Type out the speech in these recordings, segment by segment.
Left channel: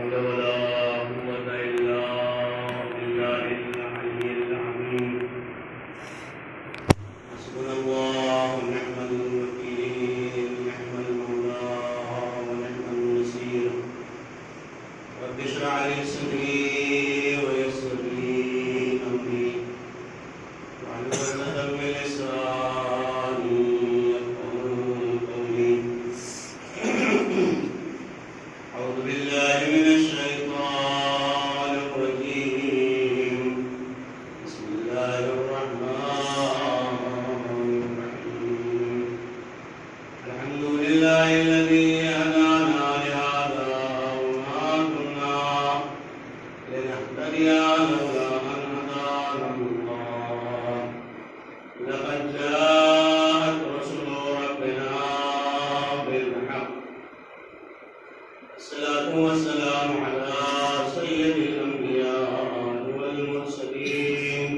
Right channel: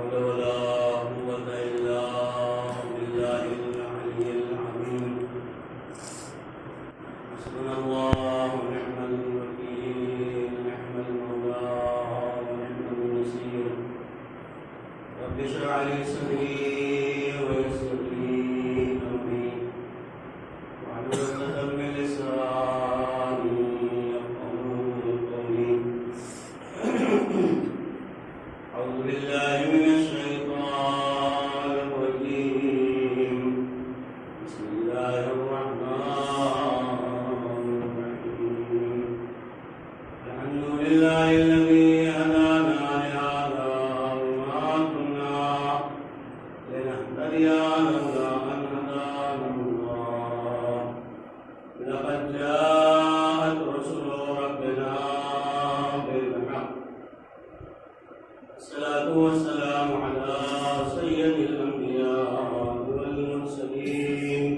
حول ولا قوة إلا بالله العلي العظيم حسبنا الله ونعم الوكيل نعم المولى ونعم النصير رب اشرح لي صدري ويسر لي أمري واحلل عقدة من لساني يفقهوا قولي أعوذ بالله من الشيطان الرجيم بسم الله الرحمن الرحيم الحمد لله الذي هدانا لهذا وما كنا لنهتدي لولا أن هدانا الله لقد جاءت رسل ربنا بالحق الصلاة والسلام على سيد الأنبياء والمرسلين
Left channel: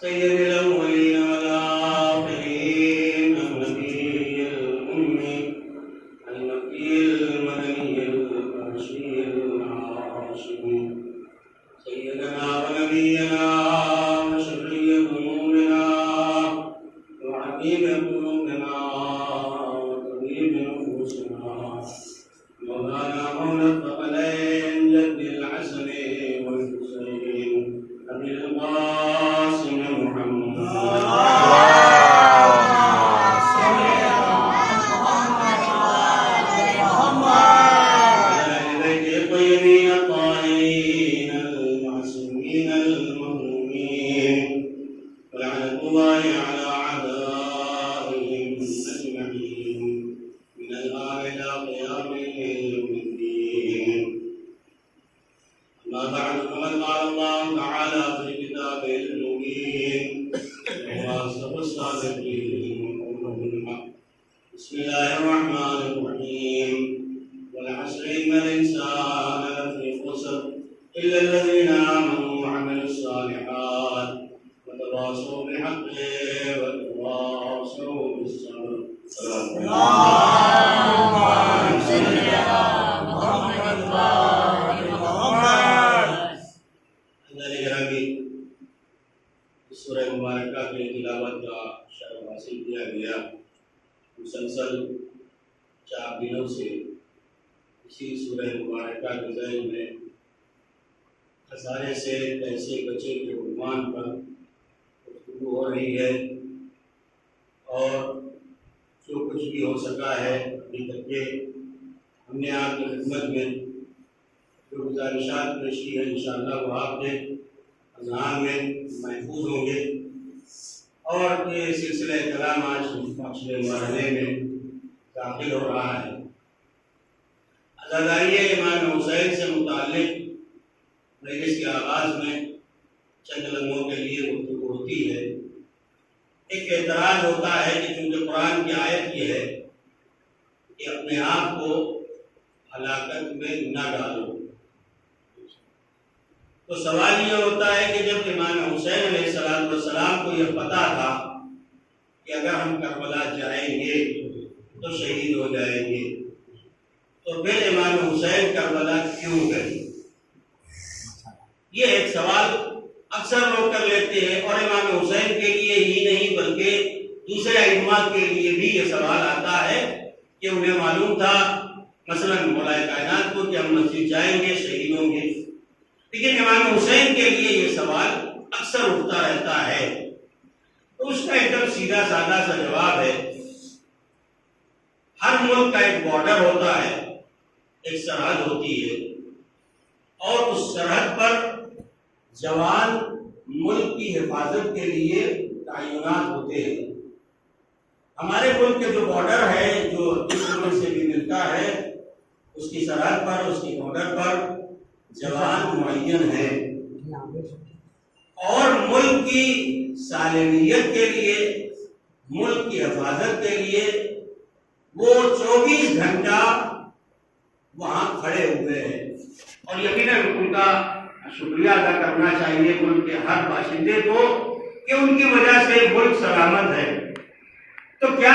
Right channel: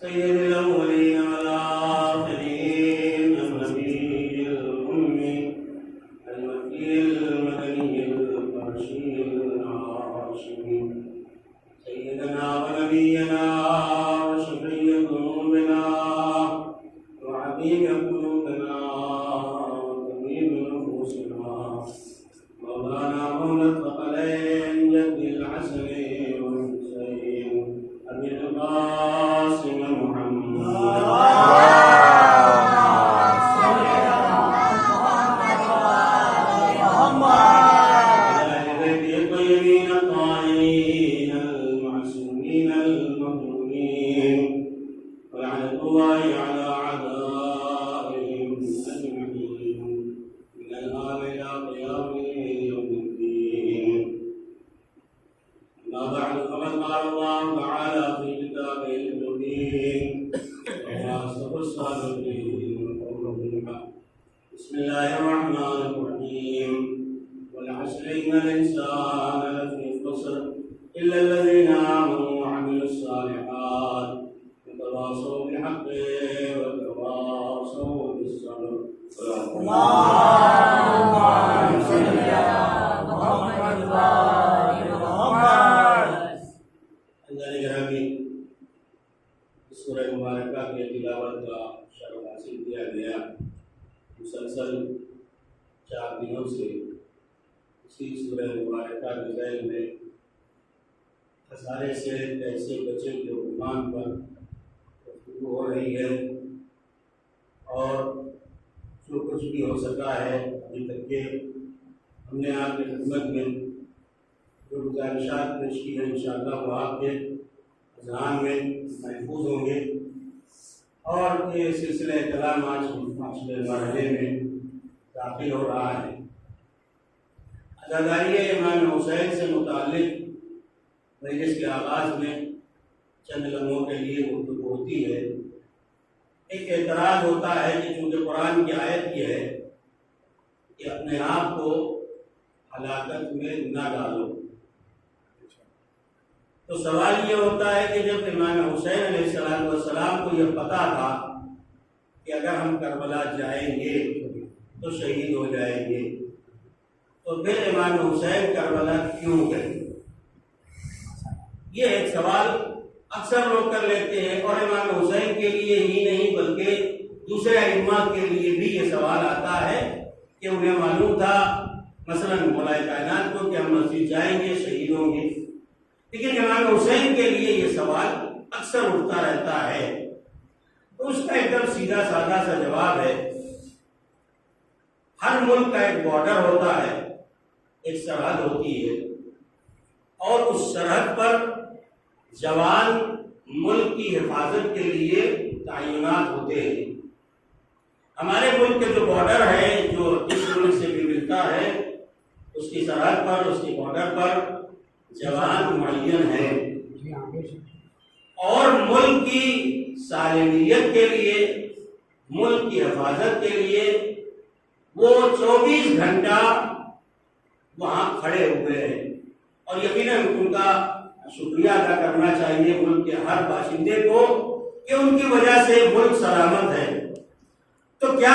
سيد الأولين والآخرين النبي الأمي المكي المدني القرشي الهاشمي سيدنا ونبينا وشفيع ذنوبنا وحبيب قلوبنا وطبيب نفوسنا مولانا مولى الثقلين جد الحسن والحسين أبي القاسم محمد وعلى آل بيته الطيبين الطاهرين المعصومين المظلومين ولعنة الله على أعدائهم أجمعين من الآن إلى قيام يوم الدين أما بعد فقد قال الله تعالى في كتابه المبين وهو أصدق الصادقين وقوله الحق بسم الله الرحمن الرحيم والعصر إن الإنسان لفي خسر إلا الذين آمنوا وعملوا الصالحات وتواصوا بالحق وتواصوا بالصبر صدق اللهم صل على محمد وآل محمد. اللہ نے گرامی اس سورہ مبارکہ کی تلاوت کا شرف حاصل کیا گیا مسلسل 4 دنوں سے اسی سورہ مبارکہ کے ذیل میں خسارے سے کیسے بچے کے عنوان پر گفتگو ہو رہی ہے اور جو کچھ بھی ہو سکا ہے ابھی تک کے ہم نے آپ کی خدمت میں جو گزارشات پیش کی ہیں انشاءاللہ وہ آپ کے اذہان میں محفوظ ہوں گے اور یہ سلسلہ کلام آج پچھلے مرحلے میں داخل ہو رہا ہے عزاداری امام حسین سے متعلق مجلس کے آغاز میں چند لمحوں کے لیے گفتگو ہوتی ہے ایک اعتراض ہوتا ہے کہ چونکہ قرآن کی آیت یہ ہے کہ اپنے آپ کو ہلاکت میں نہ ڈالو تو سوال یہ ہوتا ہے کہ جب امام حسین علیہ السلام کو یہ پتا تھا کہ اگر ہم کربلا جائیں گے تو شہید ہو جائیں گے تو پھر امام حسین کربلا کیوں گئے؟ یہ ایک سوال اکثر لوگ کر لیتے ہیں اور امام حسین کے لیے ہی نہیں بلکہ دوسرے ائمہ کے لیے بھی یہ سوال آتا ہے کہ انہیں معلوم تھا مثلا مولا کائنات کو کہ ہم مسجد جائیں گے شہید ہوں گے، لیکن امام حسین کے لیے یہ سوال اکثر اٹھتا رہتا ہے۔ تو اس کا ایک دم سیدھا سادہ سا جواب ہے، ہر ملک کا ایک بارڈر ہوتا ہے، ایک سرحد ہوتی ہے اور اس سرحد پر جوان ملک کی حفاظت کے لیے تعینات ہوتے ہیں۔ ہمارے ملک کے جو بارڈر ہے جو اس ملک سے بھی ملتا ہے اس کی سرحد پر اس کے بارڈر پر جوان معین ہے اور ملک کی سالمیت کے لیے ملک کی حفاظت کے لیے وہ 24 گھنٹہ وہاں کھڑے ہوئے ہیں اور یقیناً ان کا شکریہ ادا کرنا چاہیے ملک کے ہر باشندے کو کہ ان کی وجہ سے ملک سلامت ہے۔ تو کیا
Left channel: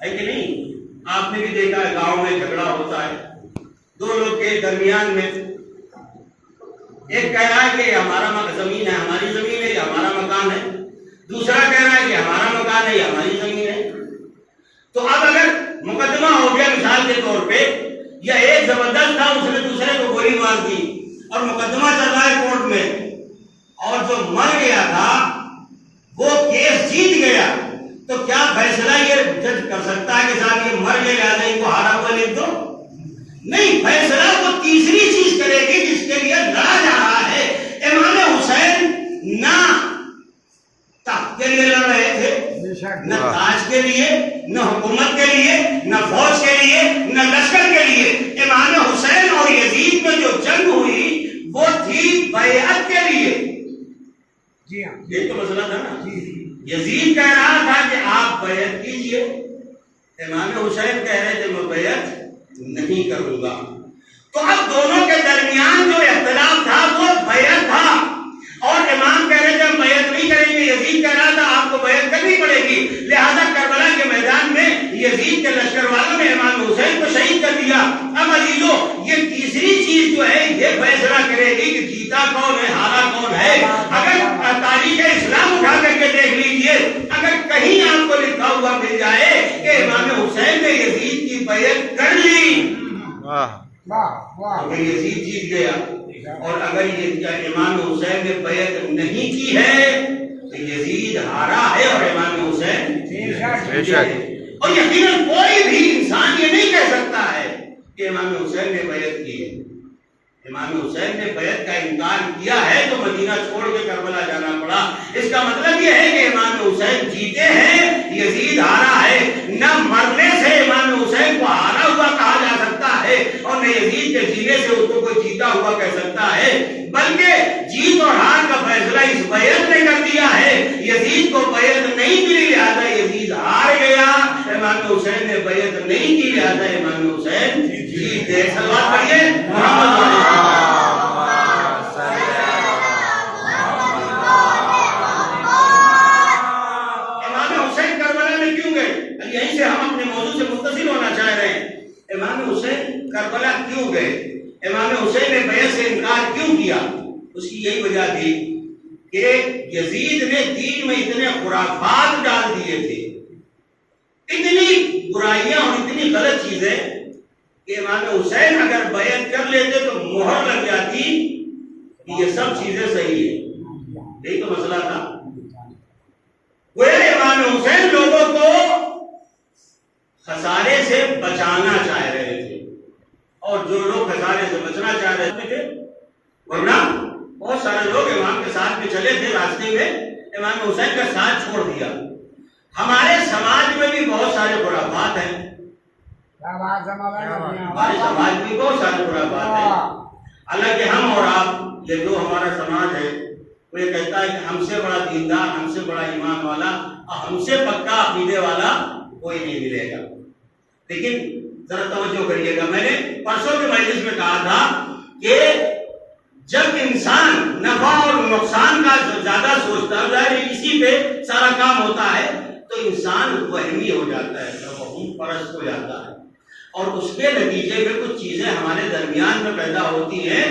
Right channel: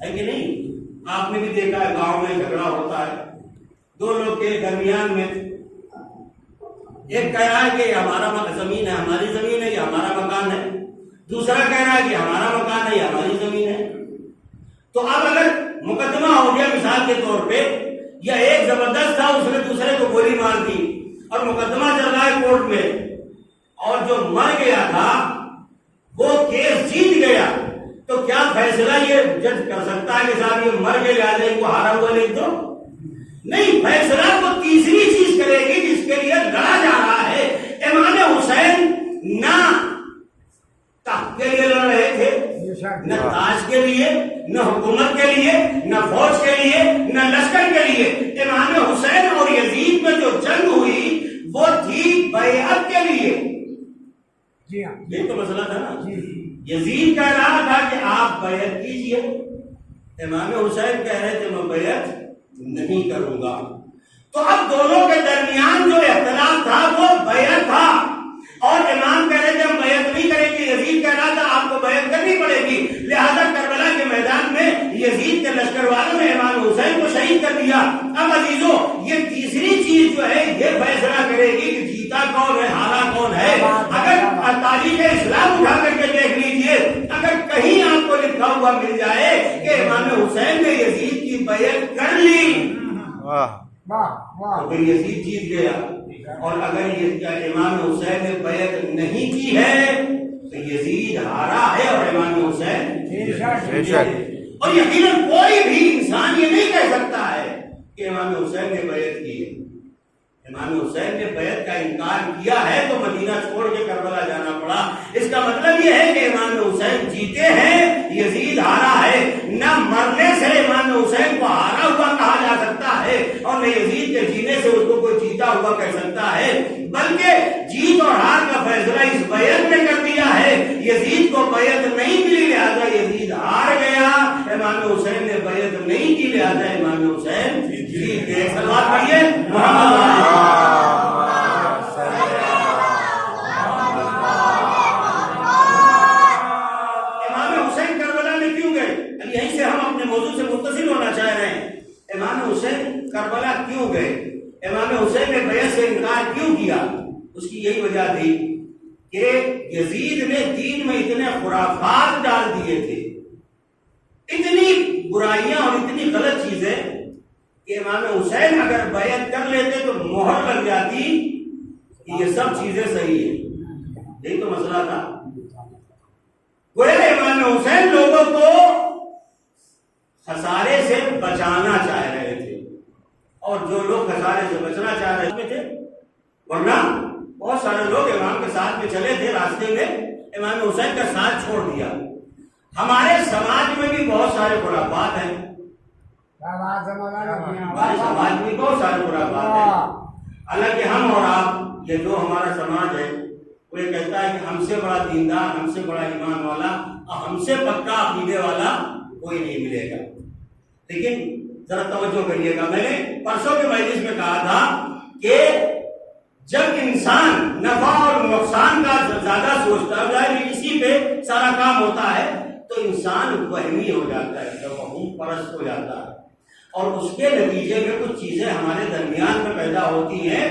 ہے کہ نہیں؟ آپ نے بھی دیکھا ہے گاؤں میں جھگڑا ہوتا ہے دو لوگ کے درمیان میں، ایک کہہ رہا ہے کہ یہ ہمارا زمین ہے، ہماری زمین ہے، یہ ہمارا مکان ہے، دوسرا کہہ رہا ہے کہ ہمارا مکان ہے، یہ ہماری زمین ہے۔ تو اب اگر مقدمہ ہو گیا مثال کے طور پہ، یا ایک زبردست تھا اس نے دوسرے کو گولی مار دی اور مقدمہ چل رہا ہے کورٹ میں، اور جو مر گیا تھا وہ کیس جیت گیا، تو کیا فیصلہ یہ جج کر سکتا ہے کہ صاحب یہ مر گیا لہٰذا ان کو ہارا ہوا لکھ دو؟ نہیں، فیصلہ وہ تیسری چیز کرے گی جس کے لیے لڑا جا رہا ہے۔ امام حسین نہ تخت کے لیے لڑ رہے تھے، نہ تاج کے لیے، نہ حکومت کے لیے، نہ فوج کے لیے، نہ لشکر کے لیے۔ امام حسین اور یزید میں جو جنگ ہوئی وہ تھی بیعت کے لیے۔ یہ تو مسئلہ تھا نا، یزید کہہ رہا تھا کہ آپ بیعت کیجئے، امام حسین کہہ رہے تھے میں بیعت نہیں کروں گا۔ تو اب دونوں کے درمیان جو اختلاف تھا وہ بیعت تھا، اور امام کہہ رہے تھے ہم بیعت نہیں کریں گے، یزید کہہ رہا تھا آپ کو بیعت کرنی پڑے گی۔ لہذا کربلا کے میدان میں یزید کے لشکر والوں نے امام حسین کو شہید کر دیا۔ اب عزیزو، یہ تیسری چیز جو ہے یہ فیصلہ کرے گی کہ جیتا کون ہے، ہارا کون ہے۔ اگر تاریخ اسلام اٹھا کر کے دیکھ لیجئے، اگر کہیں آپ کو لکھا ہوا مل جائے کہ امام حسین نے یزید کی بیعت کر لی اگر یزید جیت گیا، اور اگر یہ امام حسین نے بیعت نہیں کی ہے تو یزید ہارا ہے اور امام حسین، اور یقیناً کوئی بھی انسان یہ نہیں کہہ سکتا ہے کہ امام حسین نے بیعت کی ہے۔ امام حسین نے بیعت کا انکار کیا ہے تو مدینہ چھوڑ کے کربلا جانا پڑا۔ اس کا مطلب یہ ہے کہ امام حسین جیتے ہیں، یزید ہارا ہے۔ نہ مرنے سے امام حسین کو ہارا ہوا کہا جا سکتا ہے، اور نہ یزید کے جینے سے اس کو کوئی جیتا ہوا کہہ سکتا ہے، بلکہ جیت اور ہار کا فیصلہ اس بیعت نے کر دیا ہے۔ یزید کو بیعت نہیں ملی لہذا یزید ہار گیا، امام حسین نے بیعت نہیں کی لہذا امام حسین جیت گئے۔ صلوات پڑھیے محمد یہیں سے ہم اپنے موضوع سے متصل ہونا چاہ رہے ہیں۔ امام حسین کربلا کیوں گئے؟ امام حسین نے بیعت سے انکار کیوں کیا؟ اس کی یہی وجہ تھی کہ یزید نے دین میں اتنے خرافات ڈال دیے تھے، اتنی برائیاں اور اتنی غلط چیزیں کہ امام حسین اگر بیعت کر لیتے تو مہر لگ جاتی کہ یہ سب چیزیں صحیح ہیں۔ یہی تو مسئلہ تھا۔ گویا امام حسین لوگوں کو خسارے سے بچانا چاہ رہے تھے، اور جو لوگ خسارے سے بچنا چاہ رہے تھے، ورنہ بہت سارے لوگ امام کے ساتھ میں چلے تھے، راستے میں امام حسین کا ساتھ چھوڑ دیا۔ ہمارے سماج میں بھی بہت سارے خرافات ہیں، ہمارے سماج میں بہت سارے خرافات ہیں۔ حالانکہ ہم اور آپ، یہ جو ہمارا سماج ہے وہ یہ کہتا ہے کہ ہم سے بڑا دیندار، ہم سے بڑا ایمان والا، ہم سے پکا عقیدے والا کوئی نہیں ملے گا۔ لیکن ذرا توجہ کریے گا، میں نے پرسوں کے مجلس میں کہا تھا کہ جب انسان نفع اور نقصان کا زیادہ سوچتا ہے، اسی پہ سارا کام ہوتا ہے، تو انسان وہمی ہو جاتا ہے، توہم پرست ہو جاتا ہے، اور اس کے نتیجے میں کچھ چیزیں ہمارے درمیان میں پیدا ہوتی ہیں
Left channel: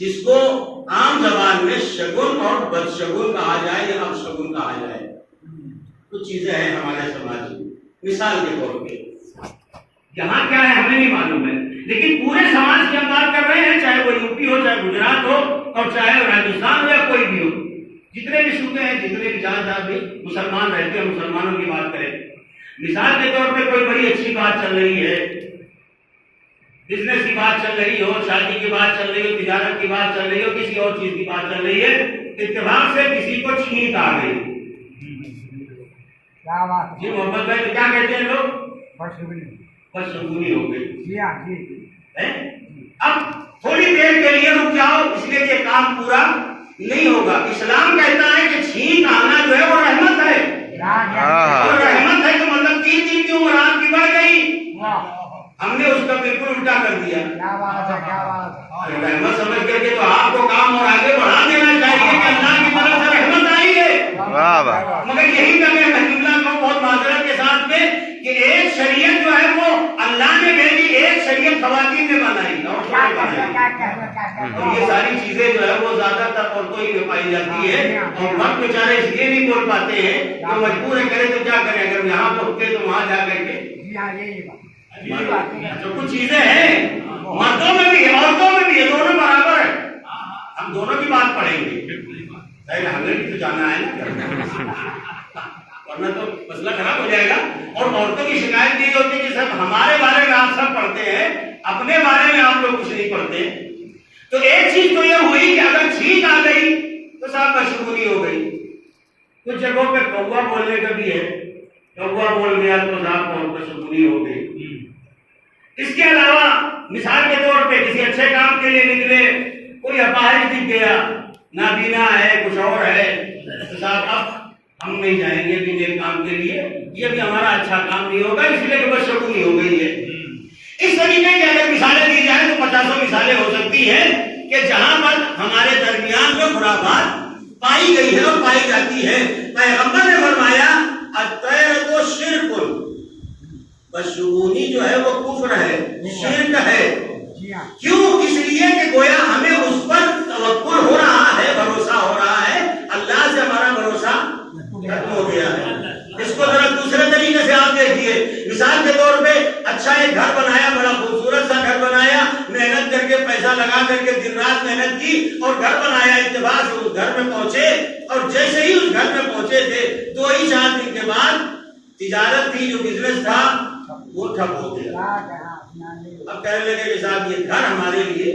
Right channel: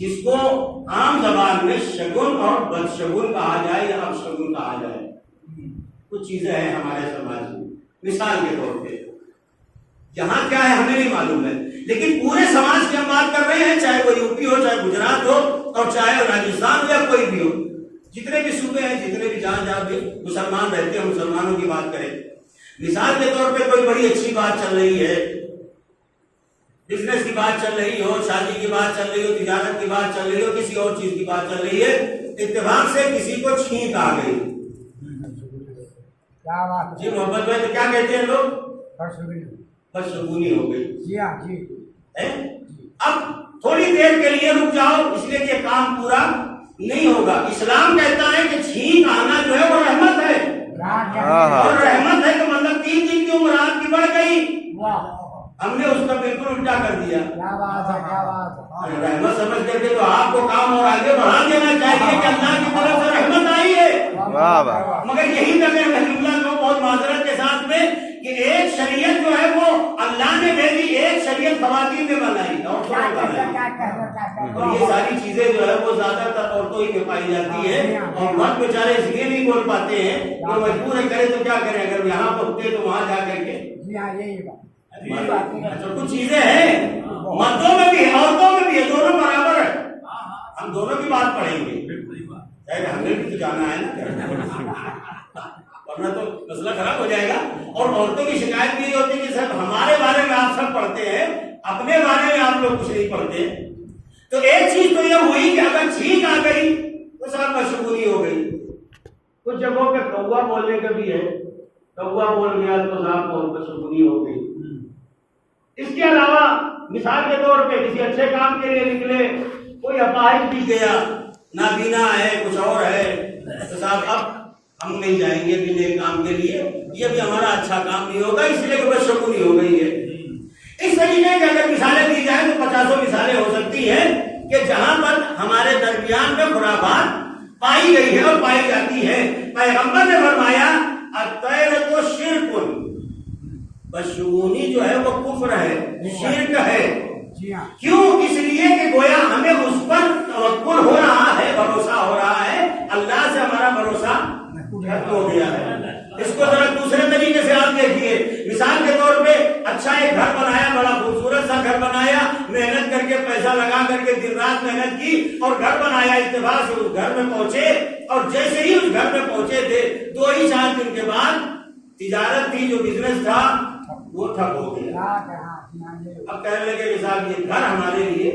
جس کو عام زبان میں شگن اور بدشگن کہا جائے یا اپشگن کہا جائے۔ کچھ چیزیں ہیں ہمارے سماج میں، مثال کے طور پہ یہاں کیا ہے ہمیں نہیں معلوم ہے، لیکن پورے سماج کی ہم بات کر رہے ہیں، چاہے وہ یو پی ہو، چاہے گجرات ہو، اور چاہے راجستھان ہو یا کوئی بھی ہو، جتنے بھی صوبے ہیں، جتنے بھی جہاں بھی مسلمان رہتے ہیں، مسلمانوں کی بات کریں۔ مثال کے طور پہ کوئی بڑی اچھی بات چل رہی ہے، بزنس کی بات چل رہی ہو، شادی کی بات چل رہی ہو، تجارت کی بات چل رہی ہو، کسی اور چیز کی بات چل رہی ہے، اتفاق سے کسی کو چھینک آ گئی۔ جی محمد بھائی تو کیا کہتے ہیں لوگ؟ بدشگونی ہو گئی۔ اب تھوڑی دیر کے لیے رک جاؤ، اس لیے کہ کام پورا نہیں ہوگا۔ اسلام کہتا ہے کہ چھینک آنا جو ہے وہ رحمت ہے، اور رحمت ہے تو مطلب 3 دن کی عمر آپ کی بڑھ گئی۔ ہم نے اس کا بالکل الٹا کر دیا۔ رحمت سمجھ کر کے تو آپ کو کام اور آگے بڑھا دینا چاہیے کہ اللہ کی طرف سے رحمت آئی ہے، واہ واہ مگر یہی کہ میں جملہ کو بہت معذرت کے ساتھ میں کہ ایک شریعت جو ہے وہ اللہ نے بھیجی، ایک شریعت خواتین نے بنائی اور یہ ساری چیزیں جو ہے وہ زیادہ تر عورتوں ہی میں پائی جاتی ہے، اور مرد بیچارے اس لیے نہیں بول پاتے ہیں کہ مجبور ہے، کرے تو کیا کریں، اگر یہاں پہنچے تو وہاں جا کر کے اچھا کچھ چیزیں ہیں مردوں میں بھی عورتوں میں بھی ہے، دونوں برابر ہے، ہم دونوں کی بات پڑھیں گے، ہمیں بھی تو جانا ہے نا، ورنہ تو مسئلہ خراب ہو جائے گا۔ اور عورتوں کی شکایت یہ ہوتی ہے کہ سب ہمارے بارے میں آپ سب پڑھتے ہیں، اپنے بارے میں آپ لوگ کچھ نہیں پڑھتے۔ تو ایک چیز تو یہ ہوئی کہ اگر چھینک آ گئی تو صاحب مشغولی ہو گئی۔ کچھ جگہوں پہ کوا بولنے کا بھی ہے، کوا بول گیا تو صاحب بہت مشغولی ہو گئی۔ اس کے علاوہ مثال کے طور پہ کسی اچھے کام کے لیے نکلے، کوئی اپاہج دکھ گیا، نابینا ہے، کچھ اور ہے، تو صاحب اب ہم نہیں جائیں گے بھی نیک کام کے لیے، یہ بھی ہمارا اچھا کام نہیں ہوگا، اس لیے کہ بس شگونی ہو گئی ہے۔ اس طریقے کی اگر مثالیں دی جائیں تو 50 مثالیں ہو سکتی ہیں کہ جہاں پر ہمارے درمیان میں خرافات پائی گئی ہے اور پائی جاتی ہے۔ پیغمبر نے فرمایا الطیرۃ شرک، بدشگونی جو ہے وہ کفر ہے، شرک ہے۔ کیوں؟ اس لیے کہ گویا ہمیں اس پر توکل ہو رہا ہے، بھروسہ ہو رہا ہے، اللہ سے ہمارا بھروسہ ختم ہو گیا ہے۔ اس کو ذرا دوسرے طریقے سے آپ دیکھیے، مثال کے طور پہ اچھا ایک گھر بنایا، بڑا خوبصورت سا گھر بنایا، محنت کر کے پیسہ لگا کر کے دن رات محنت کی اور گھر بنایا، اتفاق سے اس گھر میں پہنچے، اور جیسے ہی اس گھر میں پہنچے تھے 2 ہی 4 دن کے بعد تجارت تھی، جو بزنس تھا وہ ٹھپ ہو گیا۔ اب کہنے لگے کہ صاحب یہ گھر ہمارے لیے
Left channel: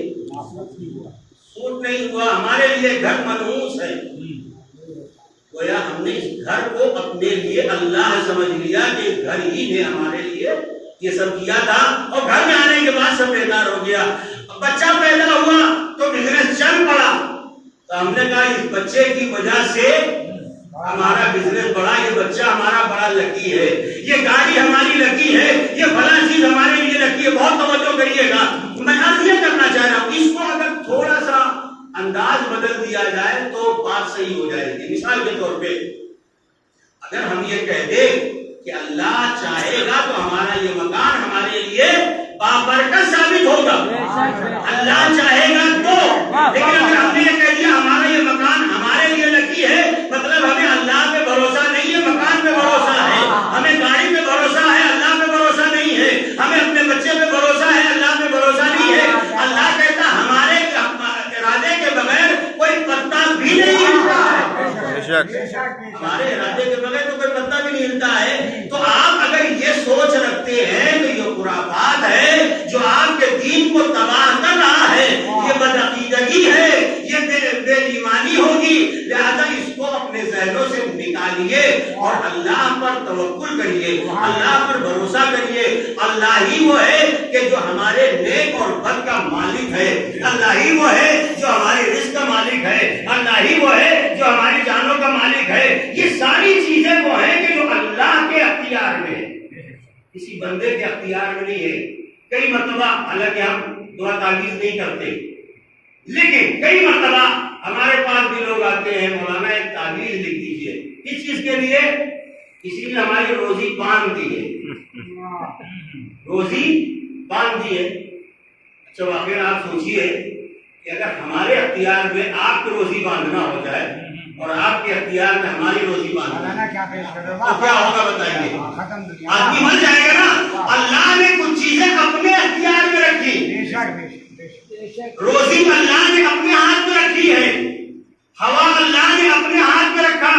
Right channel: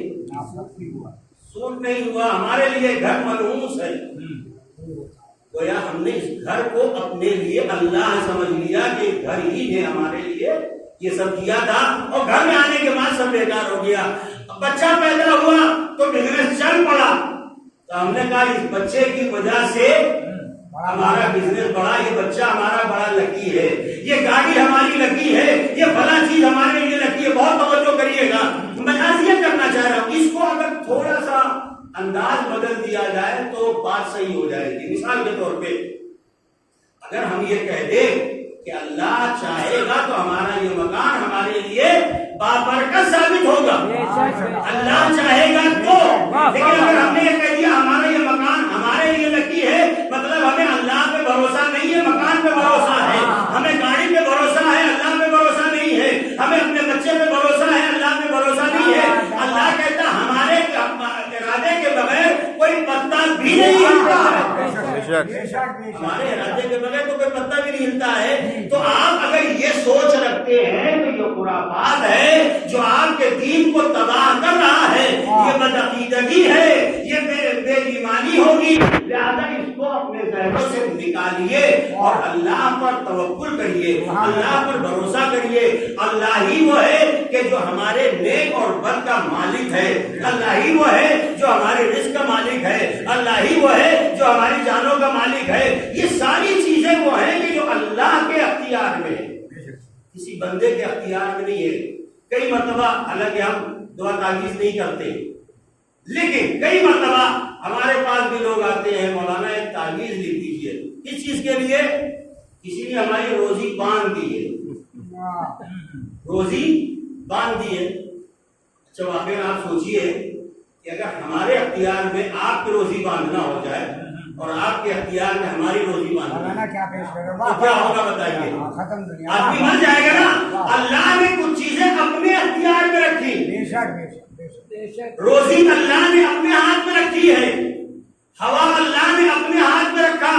سوٹ نہیں ہوا، ہمارے لیے گھر منحوس ہے۔ گویا ہم نے اس گھر کو اپنے لیے اللہ سمجھ لیا کہ گھر ہی نے ہمارے لیے یہ سب کیا تھا، اور گھر میں آنے کے بعد سب بیکار ہو گیا۔ بچہ پیدا ہوا تو بزنس چل پڑا، تو ہم نے کہا اس بچے کی وجہ سے ہمارا بزنس بڑا، یہ بچہ ہمارا بڑا لکی ہے، یہ گاڑی ہماری لکی ہے، یہ فلاں چیز ہمارے لیے لکی ہے۔ بہت توجہ کریے گا، میں عرض یہ کرنا چاہ رہا ہوں، اس کو اگر تھوڑا سا انداز بدل دیا جائے تو بات صحیح ہو جائے گی۔ مثال کے طور پہ اگر ہم یہ کہہ دیں کہ اللہ چاہے گا تو ہمارا یہ مکان ہمارے لیے بابرکت ثابت ہوگا، اللہ چاہے گا تو، لیکن اگر ہم نے یہ کہہ دیا ہمارا یہ مکان ہمارے لیے لکی ہے، مطلب ہمیں اللہ پہ بھروسہ نہیں ہے، مکان پہ بھروسہ ہے، ہمیں گاڑی پہ بھروسہ ہے، اللہ پہ بھروسہ نہیں ہے، ہمیں اپنے بچے پہ بھروسہ ہے، اللہ پہ بھروسہ نہیں ہے۔ اللہ کہتا ہمارے ارادے کے بغیر کوئی پتا بھی نہیں ہلتا ہے، ہمارے ارادے کے بغیر تو کوئی پتا بھی نہیں ہلتا ہے۔ تو آپ اگر یہ سوچ رکھتے ہیں تو یہ خرافات ہے جو آپ کے دین کو تباہ کر رہا ہے، یہ بدعقیدگی ہے، یہ بے ایمانی ہوگی، لہذا اس کو اپنے ذہنوں سے نکالیے اور اللہ پر توکل کریے، اللہ پر بھروسہ کریے۔ اللہ ہی وہ ہے کہ جو ہمارے نیک اور بد کا مالک ہے، اللہ ہی وہ ہے جو ہمارے رزق کا مالک ہے، اللہ ہی وہ ہے جو ہماری جانوں کا مالک ہے۔ یہ ساری چیزیں وہ ہیں کہ جو اللہ کے اختیار میں ہے، کسی بندے کے اختیار میں نہیں ہے۔ کئی مرتبہ حالانکہ ہم دعا تعویذ نہیں کرتے، لیکن کئی مرتبہ ہمارے پاس بھی لوگ آتے ہیں، مولانا ایک تعویذ لکھ دیجیے، کس چیز کے لیے؟ کسی نے ہماری روزی باندھ دی ہے، روزی باندھ دی ہے۔ اچھا واقعی آپ سوچئے کہ اگر ہمارے اختیار میں آپ کی روزی باندھنا ہو جائے اور آپ کے اختیار میں ہماری روزی باندھنا تو کیا ہوگا بتائیے؟ آدمی مر جائے گا نا۔ اللہ نے کچھ چیزیں اپنے اختیار میں رکھی، روزی اللہ نے اپنے ہاتھ میں رکھی ہے، ہوا اللہ نے اپنے ہاتھ میں رکھا،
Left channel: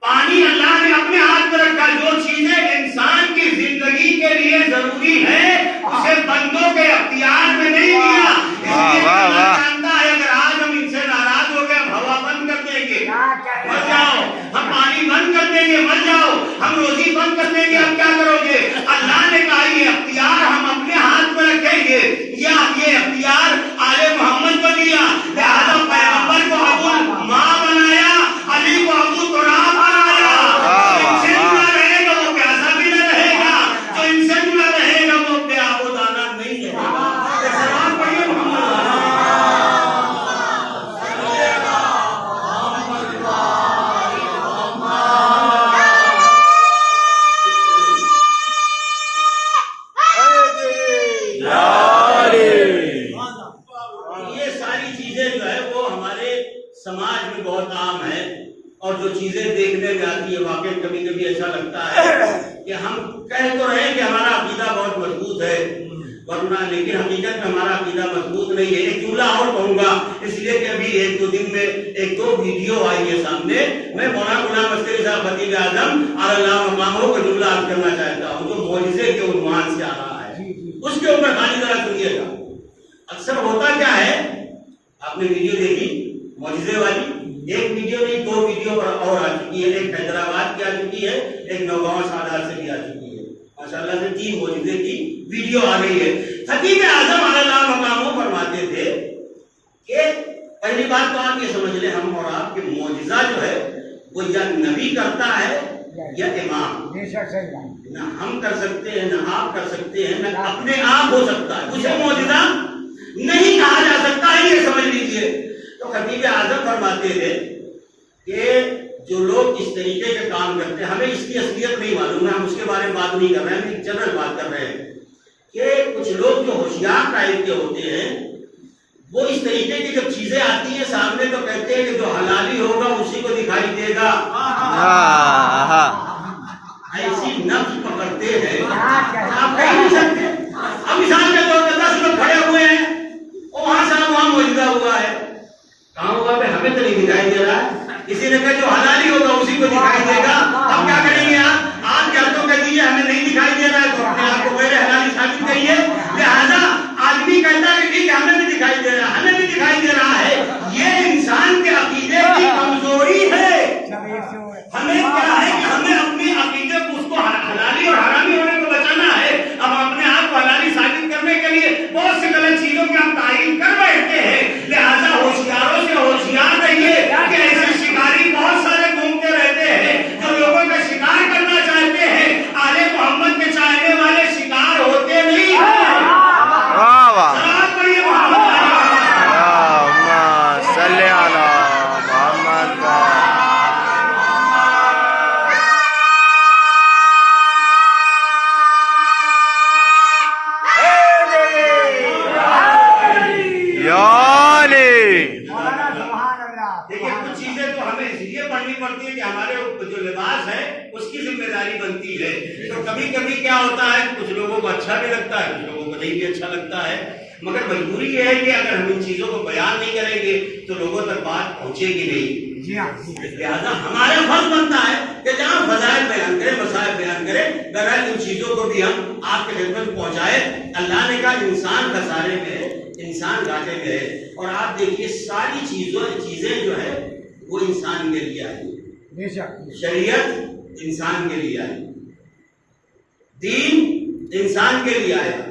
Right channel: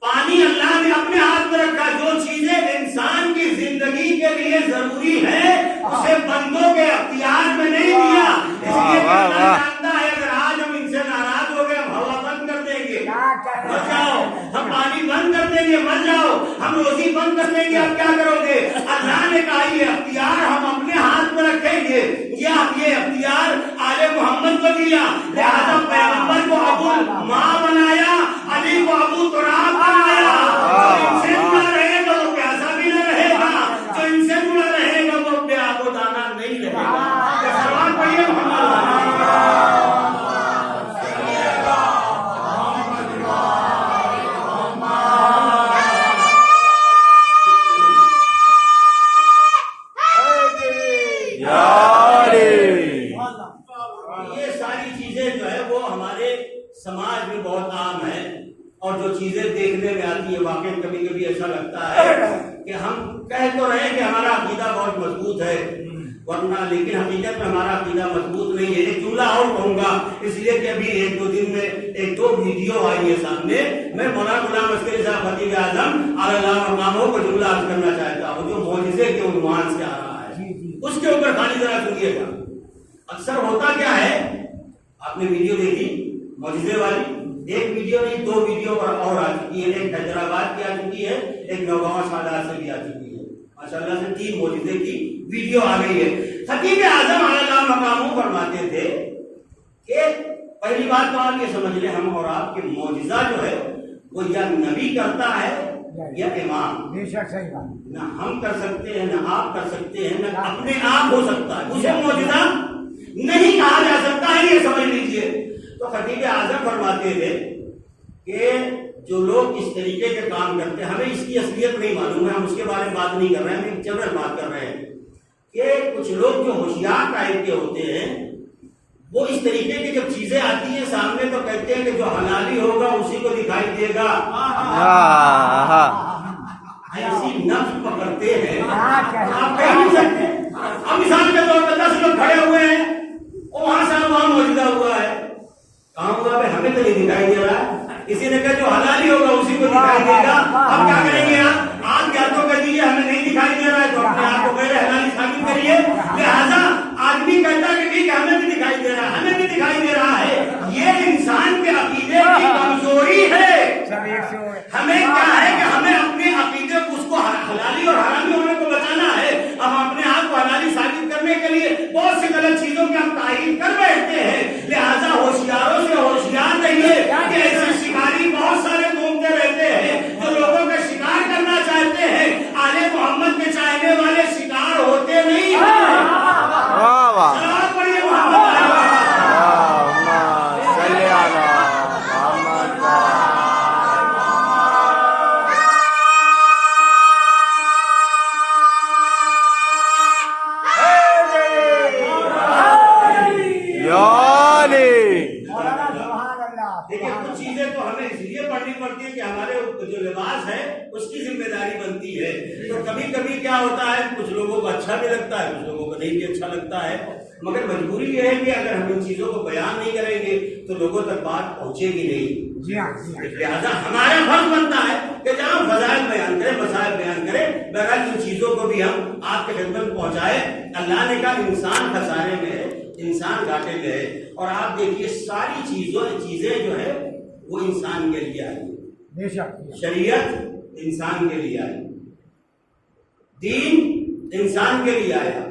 پانی اللہ نے اپنے ہاتھ میں رکھا۔ جو چیزیں انسان کی زندگی کے لیے ضروری ہے اسے بندوں کے اختیار میں نہیں دیا، اس لیے اللہ جانتا ہے اگر آج ہم ان سے ناراض ہو گئے، ہم ہوا بند کر دیں گے مر جاؤ، ہم پانی بند کر دیں گے مر جاؤ، ہم روزی بند کر دیں گے اب کیا کرو گے؟ اللہ نے کہا یہ اختیار ہم اپنے ہاتھ میں رکھیں گے، یہ اختیار آل محمد کو دیا، لہذا پیغمبر کو ابو ماں بنایا، علی کو ابو تراب بنایا۔ جو ان سے جڑا رہے گا وہ پیاسا بھی نہ رہے گا، جو ان سے جڑا رہے گا وہ بے آب و دانہ نہیں رہے گا۔ سلام پڑھیے محمد یہ ساری چیزیں جو ہے وہ ہمارے سماج میں بہت عام ہیں، اور جو چیزیں دیکھنے میں آتی ہے واقعی کبھی کبھی ایسا لگتا ہے کہ ہم کہہ تو رہے ہیں کہ ہمارا عقیدہ بہت مضبوط ہے، ورنہ لیکن حقیقت میں ہمارا عقیدہ مضبوط نہیں ہے۔ ایک جملہ اور کہوں گا، اس لیے کہ ابھی ایک دو دن میں ایک دو ویڈیو آئی ہے سامنے، میں مولانا غلام عسکری صاحب خطیب اعظم علی اللہ مقامہ کو جملہ عرض کرنا چاہتا ہوں جو معجزے کے عنوان سے آ رہا ہے، اس کے اوپر خالی ذرا سنیے گا۔ اکثر ہوتا کیا ہے، آپ نے ویڈیو دیکھی معجزے والی، ایک ویڈیو نہیں دو ویڈیو اور آ چکی ہے، ایک حیدرآباد کی آ چکی ہے، ایک نوگاں سادات سے بھی آ چکی ہے، ماشاءاللہ سے 3 معجزے کی ویڈیو آ گئی ہے۔ خطیب اعظم علی اللہ مقامہ فرماتے تھے کہ پہلی بات تو آپ یہ سمجھ لیں، ہم اور آپ کے معجزہ جو ہے وہ یا نبی کرتا ہے یا امام، نہ ہم کر سکتے ہیں نہ آپ کر سکتے ہیں، نہ اپنے آپ ہو سکتا ہے، اسے معجزہ نہیں کہا جا سکتا ہے، یہ سمجھ لیجئے۔ تو خطیب اعظم فرماتے تھے کہ جو لوگ اس طریقے کے کام کرتے ہیں، ہمیں اس کی اصلیت نہیں معلوم ہے، ہم اس کے بارے میں بات نہیں کر رہے ہیں، ہم ایک جنرل بات کر رہے ہیں کہ کچھ لوگ جو ہوشیار ٹائپ کے ہوتے ہیں وہ اس طریقے کی جب چیزیں آتی ہیں سامنے تو کہتے ہیں کہ جو حلالی ہوگا اسی کو دکھائی دے گا، ایسی نفس پکڑتے ہیں آپ کہہ نہیں سکتے۔ اب مثال کے طور پر 10 لوگ کھڑے ہوئے ہیں، وہاں سے وہاں معجزہ ہوا ہے، کہاں ہوا پہ ہمیں تو نہیں دکھائی دے رہا ہے، کسی نے کہا جو حلالی ہوگا اسی کو دکھائی دے گا۔ اب کیا کریں گے آپ کیا تو کہہ دیجیے ہمیں نہیں دکھائی دے رہا ہے تو اپنے آپ کو غیر حلالی ثابت کریے، لہذا آدمی کہتا ہے کہ ٹھیک ہے ہمیں بھی دکھائی دے رہا ہے، ہمیں بھی دکھائی دے رہا ہے، یہ انسان کے عقیدے کی کمزوری ہے۔ ہمیں کیا ہے کہ ہمیں اپنے عقیدے کو اس کو حلالی اور حرامی ہونے کو بچانا ہے، اب اپنے آپ کو حلالی ثابت کرنے کے لیے بہت سی غلط چیزوں کی ہم تعین کر بیٹھتے ہیں، لہذا ہوشیاروں سے ہوشیار رہیے کہ ایسے شکاری بہت سارے گھومتے رہتے ہیں جو لوگوں کا شکار کرنا چاہتے ہیں، آل محمد کے چاہنے والے شکار ہوتے نہیں ہیں۔ دیکھیے کچھ چیزیں تو ہمیں اس لیے پڑھنی پڑتی ہے کہ ہمارے جو لباس ہے اس کی ذمہ داری بنتی ہے، تو کبھی کبھی کیا ہوتا ہے کچھ لوگوں کو اچھا بھی لگتا ہے، کچھ لوگوں کو نہیں بھی اچھا لگتا ہے، مگر مجبوری یہ ہے کہ اگر ہم ان چیزوں کو بیان نہیں کریں گے تو لوگوں تک بات پہنچے گی نہیں۔ لہٰذا ہمارا فرض بنتا ہے کہ جہاں فضائل بیان کریں، مسائل بیان کریں، بہرحال ان چیزوں کو بھی ہم آپ کے خدمت پہنچائے۔ اللہ نے کہا انسان خسارے میں ہے، انسان گھاٹے میں ہے، اور آپ دیکھیے ساری چیزیں جو ہے وہ انسان کے لیے آئی، شریعت انسان کے لیے آئی، دین انسان کے لیے آیا،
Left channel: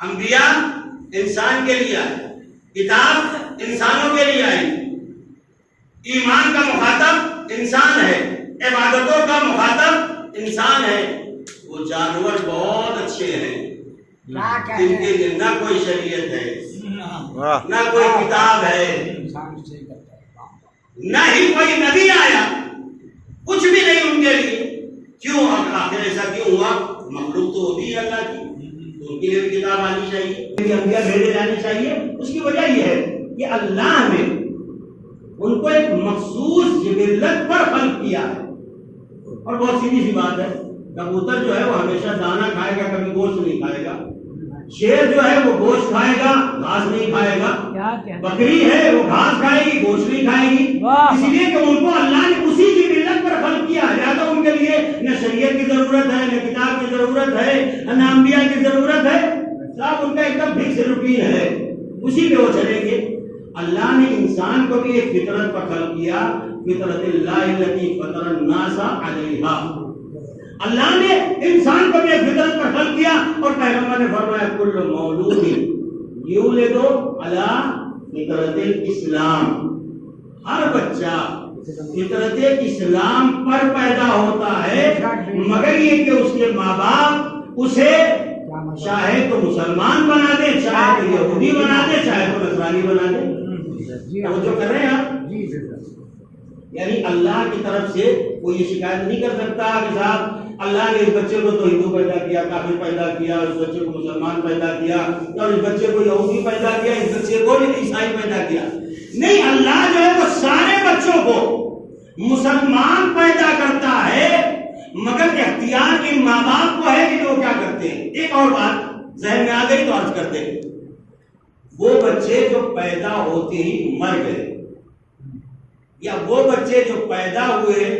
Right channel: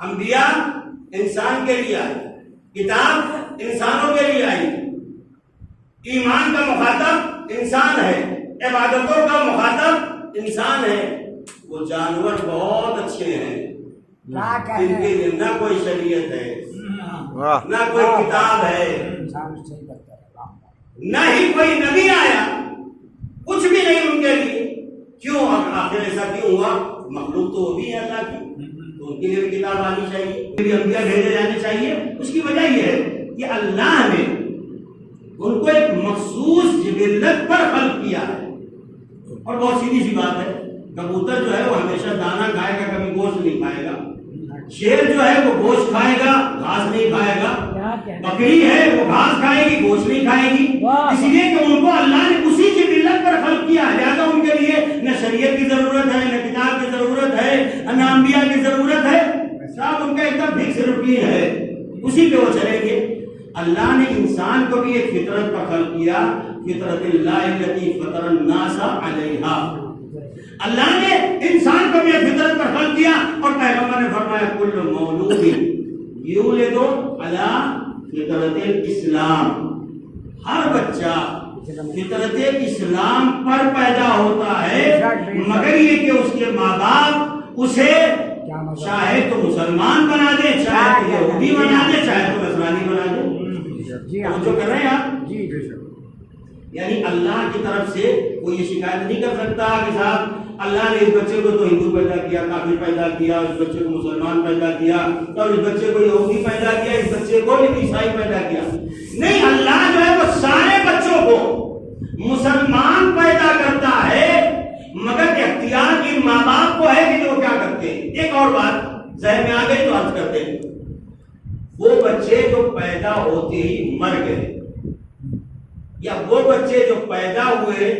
انبیاء انسان کے لیے آیا، کتاب انسانوں کے لیے آئی، ایمان کا مخاطب انسان ہے، عبادتوں کا مخاطب انسان ہے۔ وہ جانور بہت اچھے ہیں، ان کے لیے نہ کوئی شریعت ہے، نہ کوئی کتاب ہے، نہ ہی کوئی نبی آیا، کچھ بھی نہیں ان کے لیے۔ کیوں آخر ایسا کیوں ہوا؟ مخلوق تو وہ بھی ہے اللہ کی، تو ان کے لیے بھی کتاب آنی چاہیے، انبیاء بھیجے جانے چاہیے۔ اس کی وجہ یہ ہے کہ اللہ نے ان کو ایک مخصوص جبلت پر خلق کیا ہے، اور بہت سیدھی سی بات ہے، کبوتر جو ہے وہ ہمیشہ دانا کھائے گا، کبھی گوشت نہیں کھائے گا، شیر جو ہے وہ گوشت کھائے گا، گھاس نہیں کھائے گا، بکری ہے وہ گھاس کھائے گی، گوشت نہیں کھائے گی، اس لیے کہ ان کو اللہ نے اسی جبلت پر خلق کیا ہے، لہٰذا ان کے لیے نہ شریعت کی ضرورت ہے، نہ کتاب کی ضرورت ہے، نہ انبیاء کی ضرورت ہے، سب ان کا ایک دم فکس روٹین ہے، اسی پہ وہ چلیں گے۔ اللہ نے انسان کو بھی ایک فطرت پر خلق کیا، فطرت اللہ التی فطر الناس علیہا، اللہ نے انسان کو بھی ایک فطرت پر خلق کیا، اور پیغمبر نے فرمایا کل مولود یولد علی فطرت الاسلام، ہر بچہ فطرت اسلام پر پیدا ہوتا ہے، مگر یہ کہ اس کے ماں باپ اسے چاہے تو مسلمان بنا دے، چاہے تو یہودی بنا دے، چاہے تو نصرانی بنا دے۔ جو کر رہے ہیں آپ، یعنی اللہ کی طرف سے کوئی یہ شکایت نہیں کر سکتا کہ صاحب اللہ نے اس بچے کو تو ہندو پیدا کیا، کافر پیدا کیا، اس بچے کو مسلمان پیدا کیا، اور اس بچے کو یہودی پیدا کیا، اس بچے دیکھو عیسائی پیدا کیا. نہیں، اللہ جو ہے وہ سارے بچوں کو مسلمان پیدا کرتا ہے، مگر اختیار ان ماں باپ کو ہے کہ وہ کیا کرتے ہیں. ایک اور بات ذہن میں آ گئی تو عرض کرتے ہیں. وہ بچے جو پیدا ہوتے ہی مر گئے، یا وہ بچے جو پیدا ہوئے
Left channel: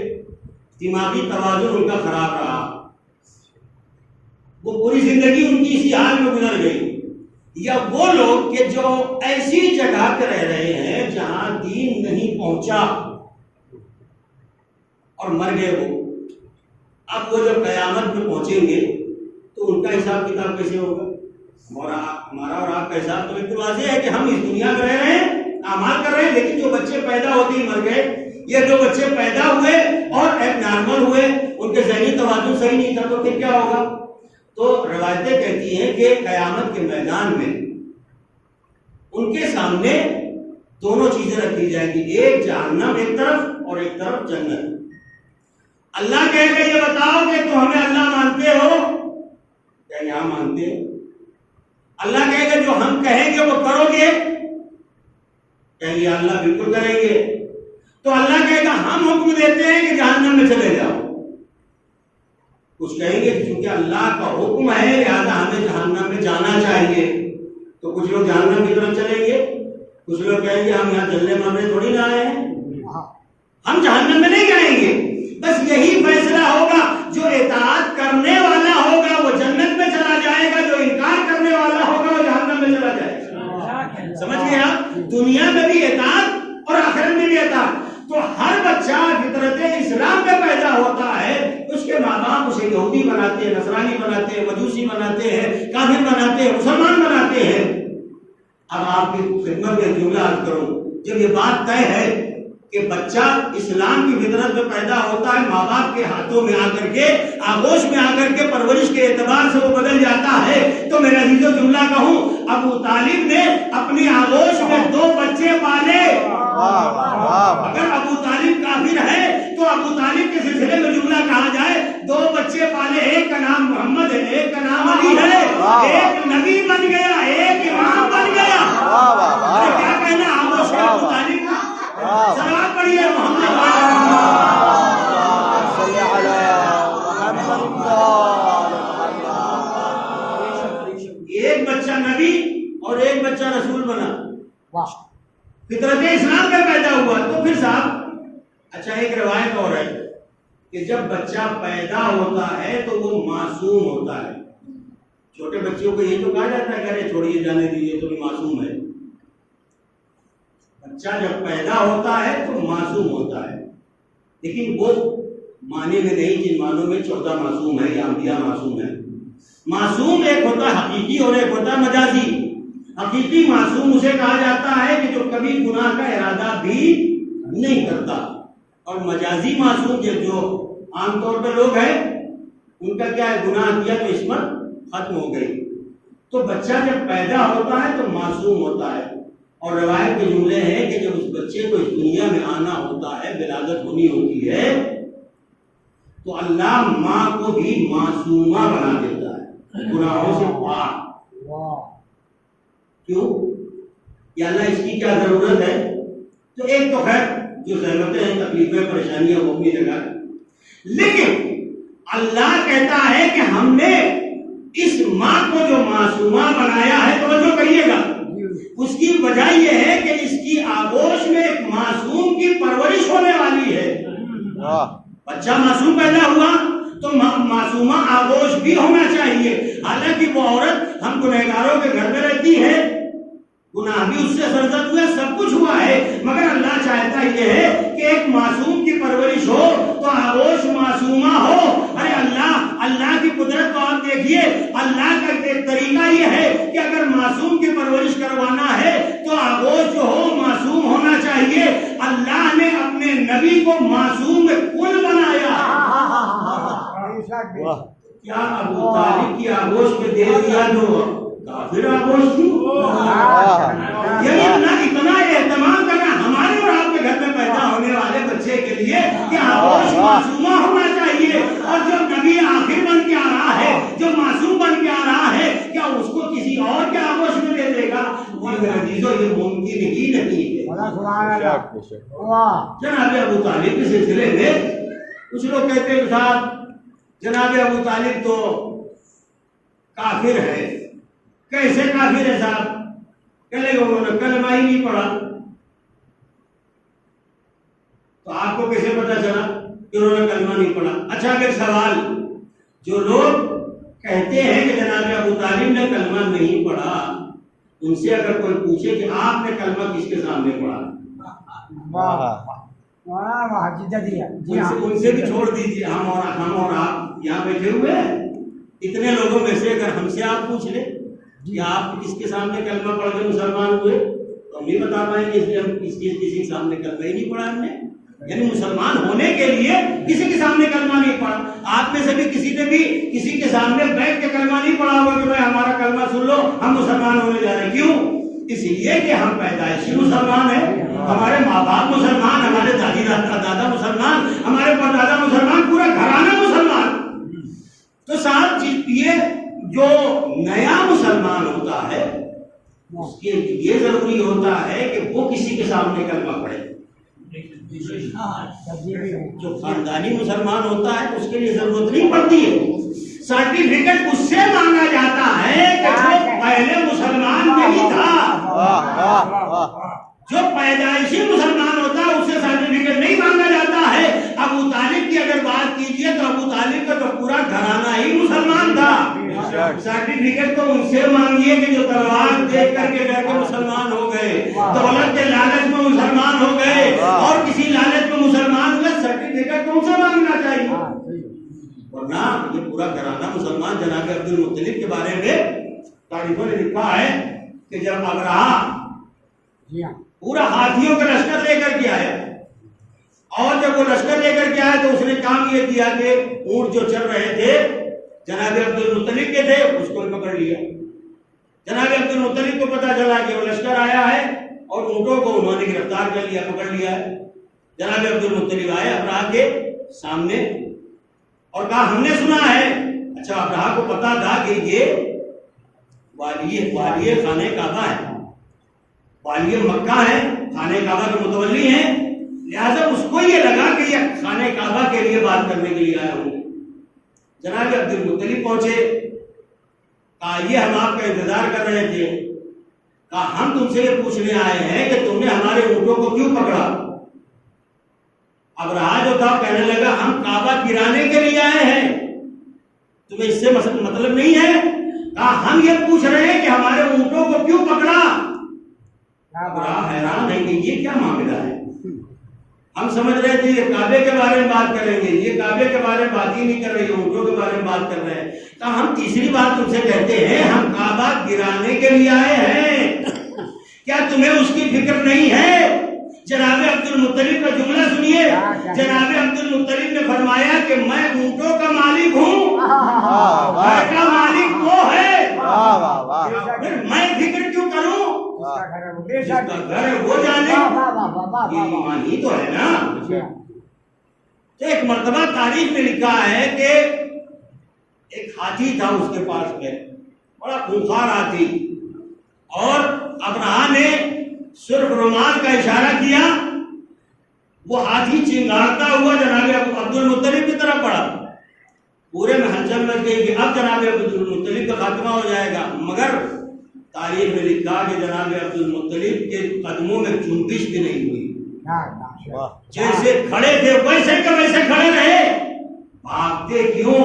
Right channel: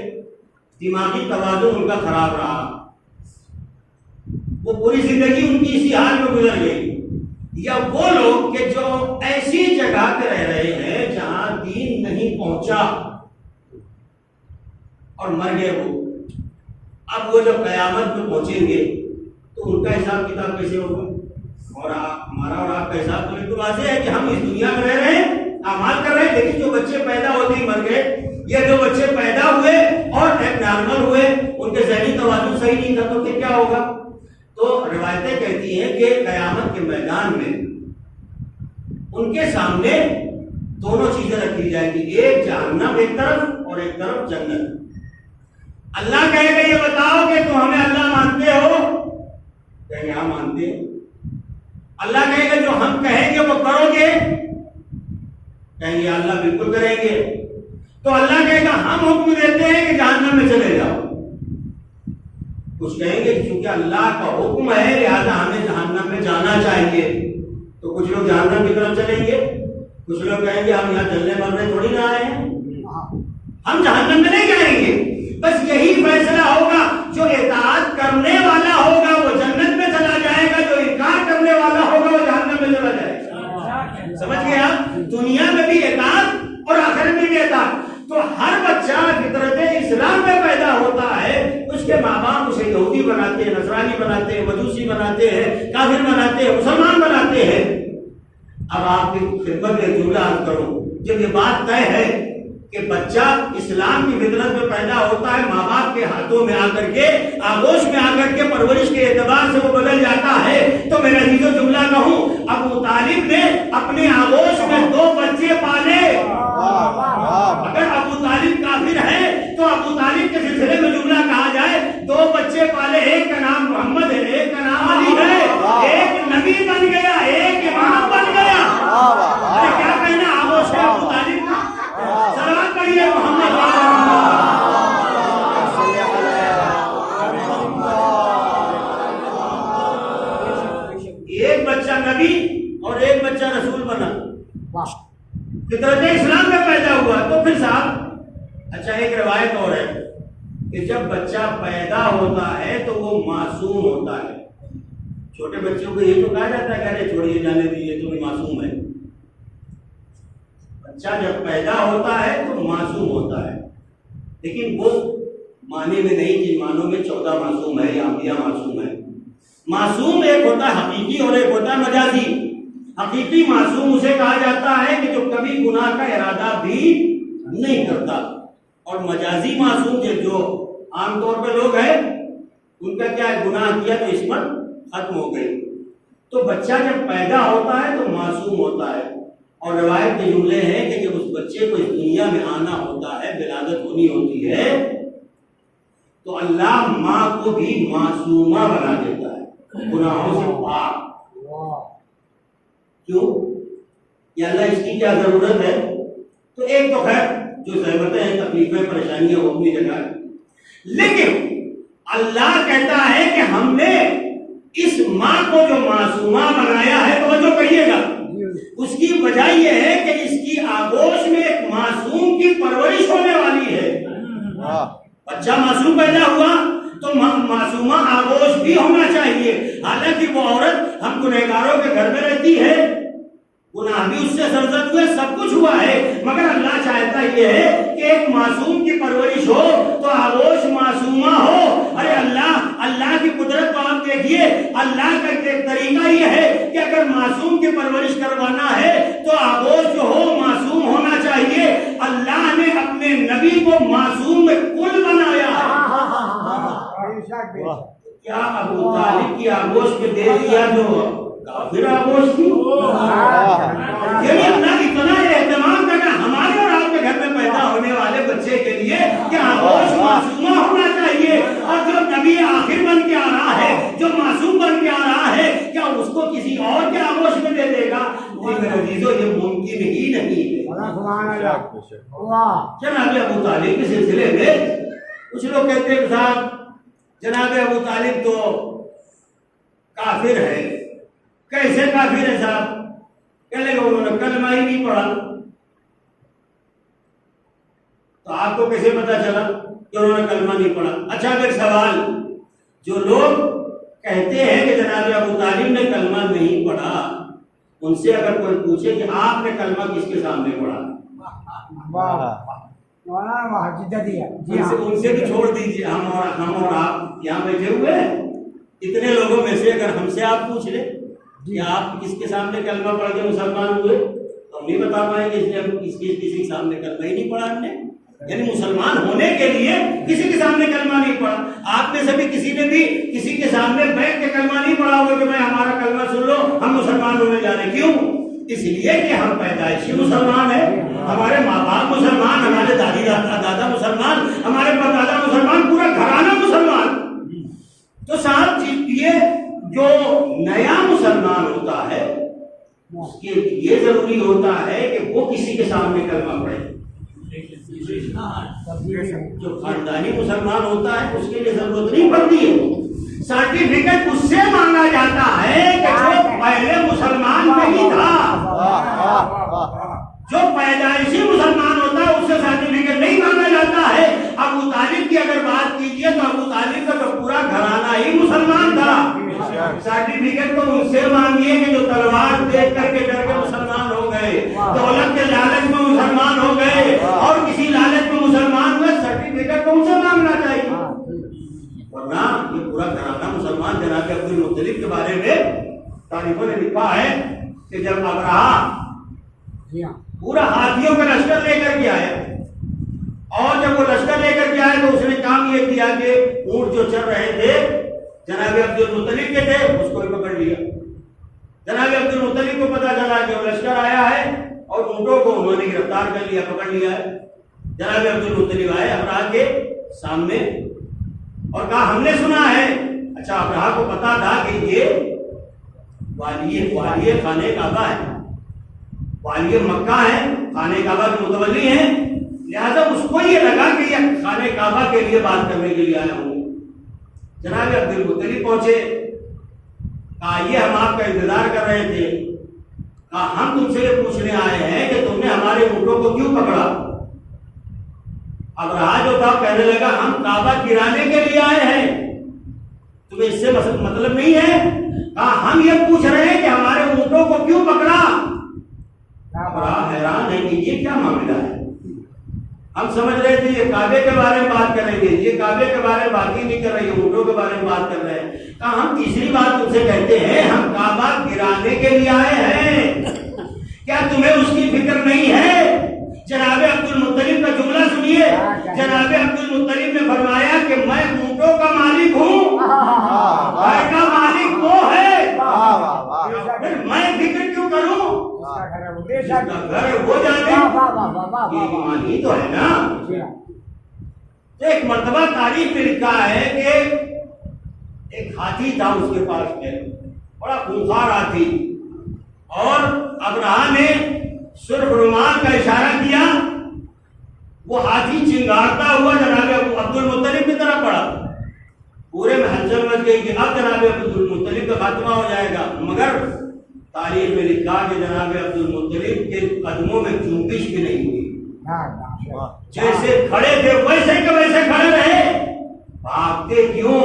دماغی توازن ان کا خراب رہا، وہ پوری زندگی ان کی اسی حال میں گزر گئی، یا وہ لوگ کہ جو ایسی جگہ پہ رہ رہے ہیں جہاں دین نہیں پہنچا اور مر گئے وہ، اب وہ جب قیامت میں پہنچیں گے تو ان کا حساب کتاب کیسے ہوگا؟ ہمارا اور آپ کا حساب تو بالکل واضح ہے کہ ہم اس دنیا میں رہ رہے ہیں، اعمال کر رہے ہیں، لیکن جو بچے پیدا ہوتے ہی مر گئے، یا جو بچے پیدا ہوئے اور ایک نارمل ہوئے، ان کے ذہنی توازن صحیح نہیں تھا، تو پھر کیا ہوگا؟ تو روایتیں کہتی ہیں کہ قیامت کے میدان میں ان کے سامنے دونوں چیزیں رکھی جائیں گی، ایک جہنم ایک طرف اور ایک طرف جنت. اللہ کہے گا یہ بتاؤ کہ تم ہمیں اللہ مانتے ہو؟ کہیں گے ہاں مانتے ہیں. اللہ کہے گا جو ہم کہیں گے وہ کرو گے؟ کہیں گے اللہ بالکل کریں گے. تو اللہ کہے گا ہم حکم دیتے ہیں کہ جہنم میں چلے جاؤ. کچھ کہیں گے چونکہ اللہ کا حکم ہے لہذا ہمیں جہنم میں جانا چاہیے، تو کچھ لوگ جہنم کی طرف چلیں گے، کچھ لوگ کہیں گے ہم یہاں چلنے مرنے تھوڑی نہ آئے ہیں، ہم جہنم میں نہیں جائیں گے. بس یہی فیصلہ ہوگا، جو اطاعت کرنے والا ہوگا وہ جنت میں چلا جائے گا، جو انکار کرنے والا ہوگا وہ جہنم میں چلا جائے گا. سمجھ گیا؟ دنیا میں بھی اطاعت اور آخرت میں بھی اطاعت. تو ہر بچہ فطرت اسلام میں پیدا ہوتا ہے، اس کے ماں باپ اسے یہودی بناتے ہیں، نصرانی بناتے ہیں، مجوسی بناتے ہیں، کافر بناتے ہیں، مسلمان بناتے ہیں. اب آپ کی خدمت میں جملہ عرض کروں، جب یہ بات طے ہے کہ بچہ اسلام کی فطرت میں پیدا ہوتا ہے، ماں باپ کے ہاتھوں میں آ کر کے، آغوش میں آ کر کے پرورش کے اعتبار سے وہ بدل جاتا ہے، تو میں نتیجہ جملہ کہوں، ابو طالب نے اپنے آغوش میں 2 بچے پالے. اگر ابو طالب کافر ہے تو ابو طالب کے سلسلے میں جملہ کہا جائے 2 بچے پالے، ایک کا نام محمد ہے، ایک کا نام علی ہے، ایک نبی بن گیا، ایک امام بن گیا. کیا کہنا آغوش ہے ابو طالب کا؟ صلوات پڑھیے محمد صلی ایک بچہ نبی اور ایک بچہ رسول بنا، فطرت اسلام میں پیدا ہوا. تو پھر صاحب اچھا ایک روایت اور ہے کہ جب بچہ پیدا ہوتا ہے تو وہ معصوم ہوتا ہے. چھوٹے بچوں کو یہ تو کہا جاتا ہے کہ چھوڑیے جانے دیجیے تو معصوم ہے. بچہ جب پیدا ہوتا ہے تو معصوم ہوتا ہے، لیکن وہ معنی میں نہیں جن معنوں میں 14 معصوم ہے یا انبیاء معصوم ہے. معصوم ایک ہوتا حقیقی اور ایک ہوتا مجازی. حقیقی معصوم اسے کہا جاتا ہے کہ جو کبھی گناہ کا ارادہ بھی نہیں کرتا، اور مجازی معصوم جو عام طور پہ لوگ ہیں ان کا کیا ہے، گناہ کیا تو عصمت ختم ہو گئی. تو بچہ جب پیدا ہوتا ہے تو معصوم ہوتا ہے، اور روایت کے جملے ہیں کہ جب اس بچے کو اس دنیا میں آنا ہوتا ہے، ولادت ہونی ہوتی ہے، تو اللہ ماں کو بھی معصومہ بنا دیتا ہے، گناہوں سے پاک. کیوں؟ یا اللہ اس کی کیا ضرورت ہے؟ تو ایک تو خیر جو زحمتیں ہیں، تکلیفیں، پریشانیاں وہ اپنی جگہ ہے، لیکن اللہ کہتا ہے کہ ہم نے اس ماں کو جو معصومہ بنایا ہے، توجہ کریے گا، اس کی وجہ یہ ہے کہ اس کی آغوش میں ایک معصوم کی پرورش ہونے والی ہے. بچہ معصوم پیدا ہوا تو معصومہ آغوش بھی ہونا چاہیے. حالانکہ وہ عورت ہم گنہگاروں کے گھر میں رہتی ہے، گناہ بھی اس سے سرزد ہوئے، سب کچھ ہوا ہے، مگر اللہ چاہتا یہ ہے کہ ایک معصوم کی پرورش ہو تو آغوش معصومہ ہو. ارے اللہ کی قدرت کو آپ دیکھیے. اللہ کا ایک طریقہ یہ ہے کہ اگر معصوم کی پرورش کروانا ہے تو آغوش جو ہو معصوم ہونا چاہیے. اللہ نے اپنے نبی کو معصوم کل بنایا. کیا ابو طالب کی آغوش میں دے دیا جو کافر آغوش تھی؟ اللہ اتنا اہتمام کرنا ہمارے اور آپ کے گھر میں پیدا ہونے والے بچے کے لیے کہ آغوش معصومہ ہونا چاہیے. اور جو نبی آخر بن کے آ رہا ہے، جو معصوم بن کے آ رہا ہے، کیا اس کو کسی اور کے آغوش میں دے دے گا؟ میرے عزیزو یہ ممکن ہی نہیں ہے۔ سبحان اللہ، واہ، جناب ابو طالب کے سلسلے میں کچھ لوگ کہتے ہیں صاحب جناب ابو طالب تو کافر ہے۔ کیسے کافر ہے صاحب؟ کہنے لگے انہوں نے کلمہ ہی نہیں پڑھا۔ تو آپ کو کیسے پتا چلا کہ انہوں نے کلمہ نہیں پڑھا؟ اچھا پھر سوال، جو لوگ کہتے ہیں کہ جناب ابو طالب نے کلمہ نہیں پڑھا، ان سے اگر کوئی پوچھے کہ آپ نے کلمہ کس کے سامنے پڑھا، ان سے بھی چھوڑ دیجیے، ہم اور آپ یہاں بیٹھے ہوئے ہیں، اتنے لوگوں میں سے اگر ہم سے آپ پوچھ لیں کہ آپ کس کے سامنے کلمہ پڑھ کے مسلمان ہوئے، تو ہم نہیں بتا پائیں گے اس ہم کسی کے سامنے کلمہ ہی نہیں پڑھا ہم نے۔ یعنی مسلمان ہونے کے لیے کسی کے سامنے کلمہ نہیں پڑھا۔ آپ میں سے بھی کسی نے بھی کسی کے سامنے بیٹھ کے کلمہ نہیں پڑھا ہوگا کہ بھائی ہمارا کلمہ سن لو ہم مسلمان ہونے جا رہے ہیں۔ کیوں؟ اس لیے کہ ہم پیدائشی مسلمان ہیں، ہمارے ماں باپ مسلمان، ہمارے دادی دادا مسلمان، ہمارے پردادا مسلمان، پورا گھرانہ مسلمان۔ تو صاحب یہ جو نیا مسلمان ہوتا ہے اس کے یہ ضروری ہوتا ہے کہ وہ کسی کے سامنے کلمہ پڑھے۔ جو خاندانی مسلمان ہوتا ہے اس کے لیے ضرورت نہیں پڑتی ہے، سرٹیفکیٹ اس سے مانگا جاتا ہے کہ جو پہلے مسلمان نہیں تھا، جو پیدائشی مسلمان ہوتا ہے اس سے سرٹیفکیٹ نہیں مانگا جاتا ہے۔ ابو طالب کی اگر بات کیجیے تو ابو طالب کا تو پورا گھرانہ ہی مسلمان تھا۔ سرٹیفکیٹ تو ان سے مانگیے کہ جو تلوار دیکھ کر کے ڈر کے مسلمان ہو گئے، دولت کے لالچ میں مسلمان ہو گئے اور کسی لالچ میں مسلمان ہوئے، سرٹیفکیٹ تو ان سے مانگنا چاہیے۔ ورنہ یہ پورا گھرانہ مسلمان۔ جناب عبد المطلب کے بارے میں تاریخوں نے لکھا ہے کہ جب ابرہہ پورا ہاتھیوں کا لشکر لے کر کے آئے، اور جب وہ لشکر لے کر کے آئے تو اس نے کام یہ کیا کہ اونٹ جو چل رہے تھے جناب عبد المطلب کے تھے اس کو پکڑ لیا۔ جناب عبد المطلب کو پتا چلا کہ وہ لشکر آیا ہے اور اونٹوں کو انہوں نے گرفتار کر لیا، پکڑ لیا ہے۔ جناب عبد المطلب آئے ابرہہ کے سامنے اور کہا ہم نے سنا ہے۔ اچھا ابرہہ کو پتا تھا کہ یہ والی خانہ کعبہ ہے، والی مکہ ہے، خانہ کعبہ کے متولی ہیں، لہذا اس کو یہ لگا کہ یہ خانہ کعبہ کے لیے بات کرنے کے لیے آئے ہوں۔ جناب عبد المطلب پہنچے، کہا یہ ہم آپ کا انتظار کر رہے تھے، کہا ہم تم سے یہ پوچھنے آئے ہیں کہ تم نے ہمارے اونٹوں کو کیوں پکڑا؟ ابرہہ جو تھا کہنے لگا ہم کعبہ گرانے کے لیے آئے ہیں، تمہیں اس سے مطلب نہیں ہے؟ کہا ہم یہ پوچھ رہے ہیں کہ ہمارے اونٹوں کو کیوں پکڑا؟ ابرہہ حیران ہے کہ یہ کیا معاملہ ہے۔ ہم سمجھ رہے تھے یہ کعبے کے بارے میں بات کریں گے، یہ کعبے کے بارے میں بات ہی نہیں کر رہے، اونٹوں کے بارے میں بات کر رہے ہیں۔ کہا ہم تیسری بات تم سے کہتے ہیں ہم کعبہ گرانے کے لیے آئے ہیں، کیا تمہیں اس کی فکر نہیں ہے؟ جناب عبد المطلب کا جملہ سنیے، جناب عبد المطلب نے فرمایا کہ میں اونٹوں کا مالک ہوں، گھر کا مالک وہ ہے، میں فکر کیوں کروں؟ گھر وہ جانے، یہ ایمان ہی تو ہے نا۔ تو ایک مرتبہ تاریخ میں لکھا ہے کہ ایک ہاتھی تھا اس کے پاس میں، بڑا خونخوار ہاتھی، اور ابرہہ نے سرخ رومال کا اشارہ کیا، وہ ہاتھی چنگاڑتا ہوا جناب عبد المطلب کی طرف پڑا۔ پورے میں ہلچل مچ گئی کہ اب جناب عبد المطلب کا خاتمہ ہو جائے گا، مگر تاریخ میں لکھا کہ جناب عبد المطلب کے قدموں میں جنبش بھی نہیں ہوئی، جیسے کھڑے تھے ویسے کے ویسے کھڑے رہے۔ بھاگتے کیوں؟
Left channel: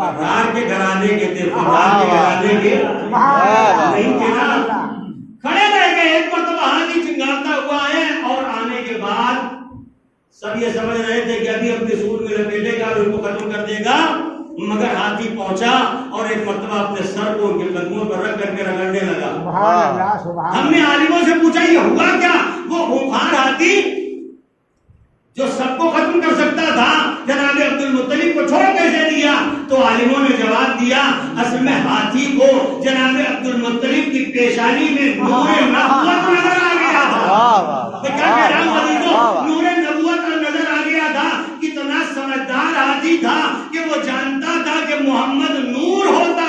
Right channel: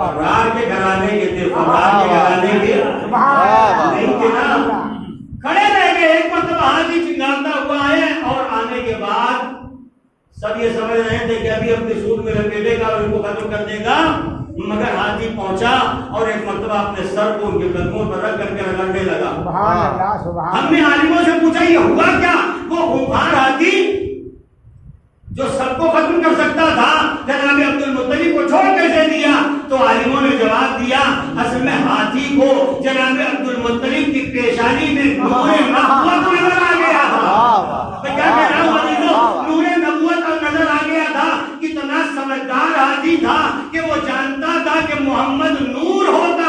ابرہہ کے گھرانے کے تھے، گھرانے کے نہیں تھے نا، کھڑے رہ گئے۔ ایک مرتبہ ہاتھی چنگاڑتا ہوا ہے اور آنے کے بعد سب یہ سمجھ رہے تھے کہ ابھی اپنے سوٹ میں لپیٹے گا اور ان کو ختم کر دے گا، مگر ہاتھی پہنچا اور ایک مرتبہ اپنے سر کو ان کے قدموں پر رکھ کر کے رگڑنے لگا۔ ہم نے عالموں سے پوچھا یہ ہوا کیا؟ وہ خونخوار ہاتھی جو سب کو ختم کر سکتا تھا جناب عبد المطلب کو چھوڑ کیسے دیا؟ تو عالموں نے جواب دیا اصل میں ہاتھی کو جناب عبد المطلب کی پیشانی میں نور نبوت نظر آ گیا تھا۔ نور نبوت نظر آ گیا تھا۔ کتنا سمجھدار ہاتھی تھا کہ وہ جانتا تھا کہ محمد نور ہوتا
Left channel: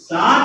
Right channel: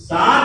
7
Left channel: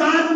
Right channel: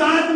7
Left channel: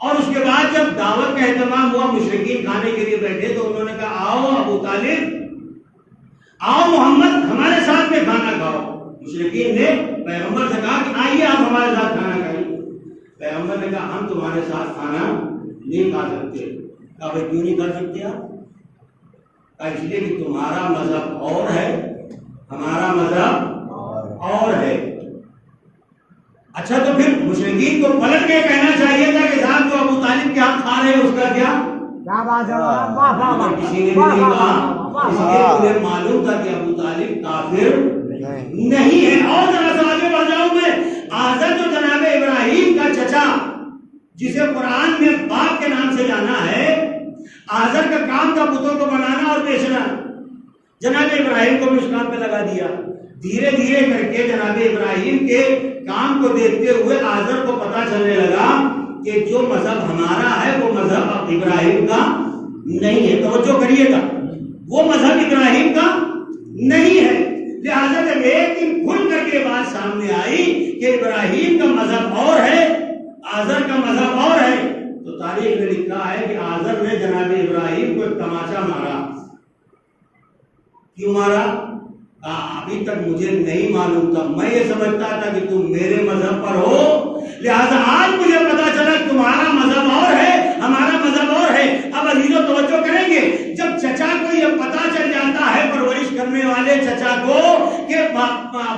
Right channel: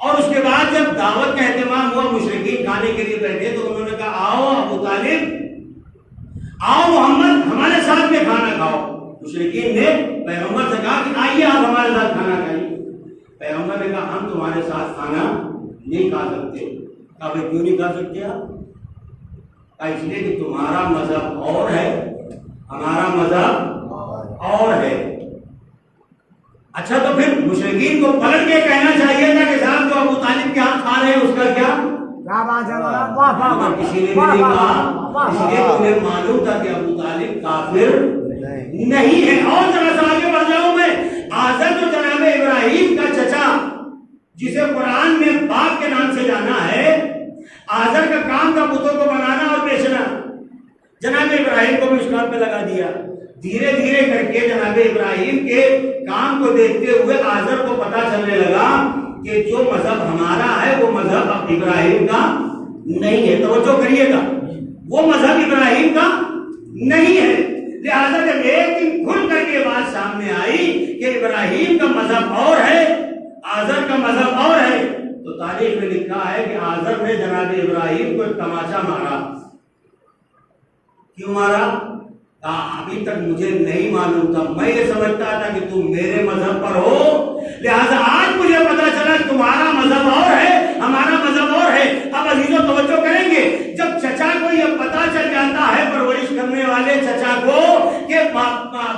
اور اس کے بعد جب دعوت کا اہتمام ہوا، مشرکین کھانے کے لیے بیٹھے تو انہوں نے کہا آؤ ابو طالب، آؤ محمد ہمارے ساتھ میں کھانا کھاؤ۔ مشرکین نے پیغمبر سے کہا کہ آئیے آپ ہمارے ساتھ کھانا کھائیے۔ پیغمبر نے کہا ہم تمہارے ساتھ کھانا نہیں کھا سکتے۔ کہا بھائی کیوں نہیں کھا سکتے آپ؟ کہا اس لیے کہ تمہارا مذہب اور ہے، ہمارا مذہب اور ہے۔ اچھا تو پھر مشرکین کو پلٹ کے کہنا چاہیے تھا کہ صاحب جو ابو طالب کے ہاتھ کھا رہے ہیں اس کا کیا؟ مگر کسی نے بھی نہیں کہا، اس لیے تمہیں معلوم تھا کہ ابو طالب کافر نہیں ہے۔ اور ذرا سا آگے بڑھ جاؤں میں، آزر جو جناب ابراہیم کا چچا جسے قرآن میں باپ کے نام سے جانا ہے، آزر کا کام تھا بتوں کو بنانا اور بیچنا، جناب ابراہیم کو بھی اس کام پہ لگا دیا۔ دھیرے دھیرے کر کے جناب ابراہیم کے کام کو دیکھتے ہوئے آزر کو پتا چلنے لگا کہ جو مذہب ہمارا ہے وہ مذہب اب ابراہیم کا نہیں ہے۔ توجہ کریے گا، وہ مذہب ابراہیم کا نہیں ہے۔ لہذا جب ایک دن کھل کر کے بات سامنے آئی کہ ابراہیم کا مذہب اور ہے، آزر کا مذہب اور ہے، تو تاریخ میں لکھا ہے کہ آزر نے جناب ابراہیم کو ایک تماچا مارا۔ کیوں مارا؟ ابھی تک مجھے نہیں معلوم تھا، میں یہ سمجھتا تھا کہ تم میرے مذہب پر ہو، لہذا آج مجھے پتا چلا کہ تمہارا مذہب اور ہے، ہمارا مذہب اور ہے۔ اب عزیزوں توجہ کریں گے، جب چچا کو یہ پتا چل جاتا ہے پرورش کرنے والے چچا کو کہ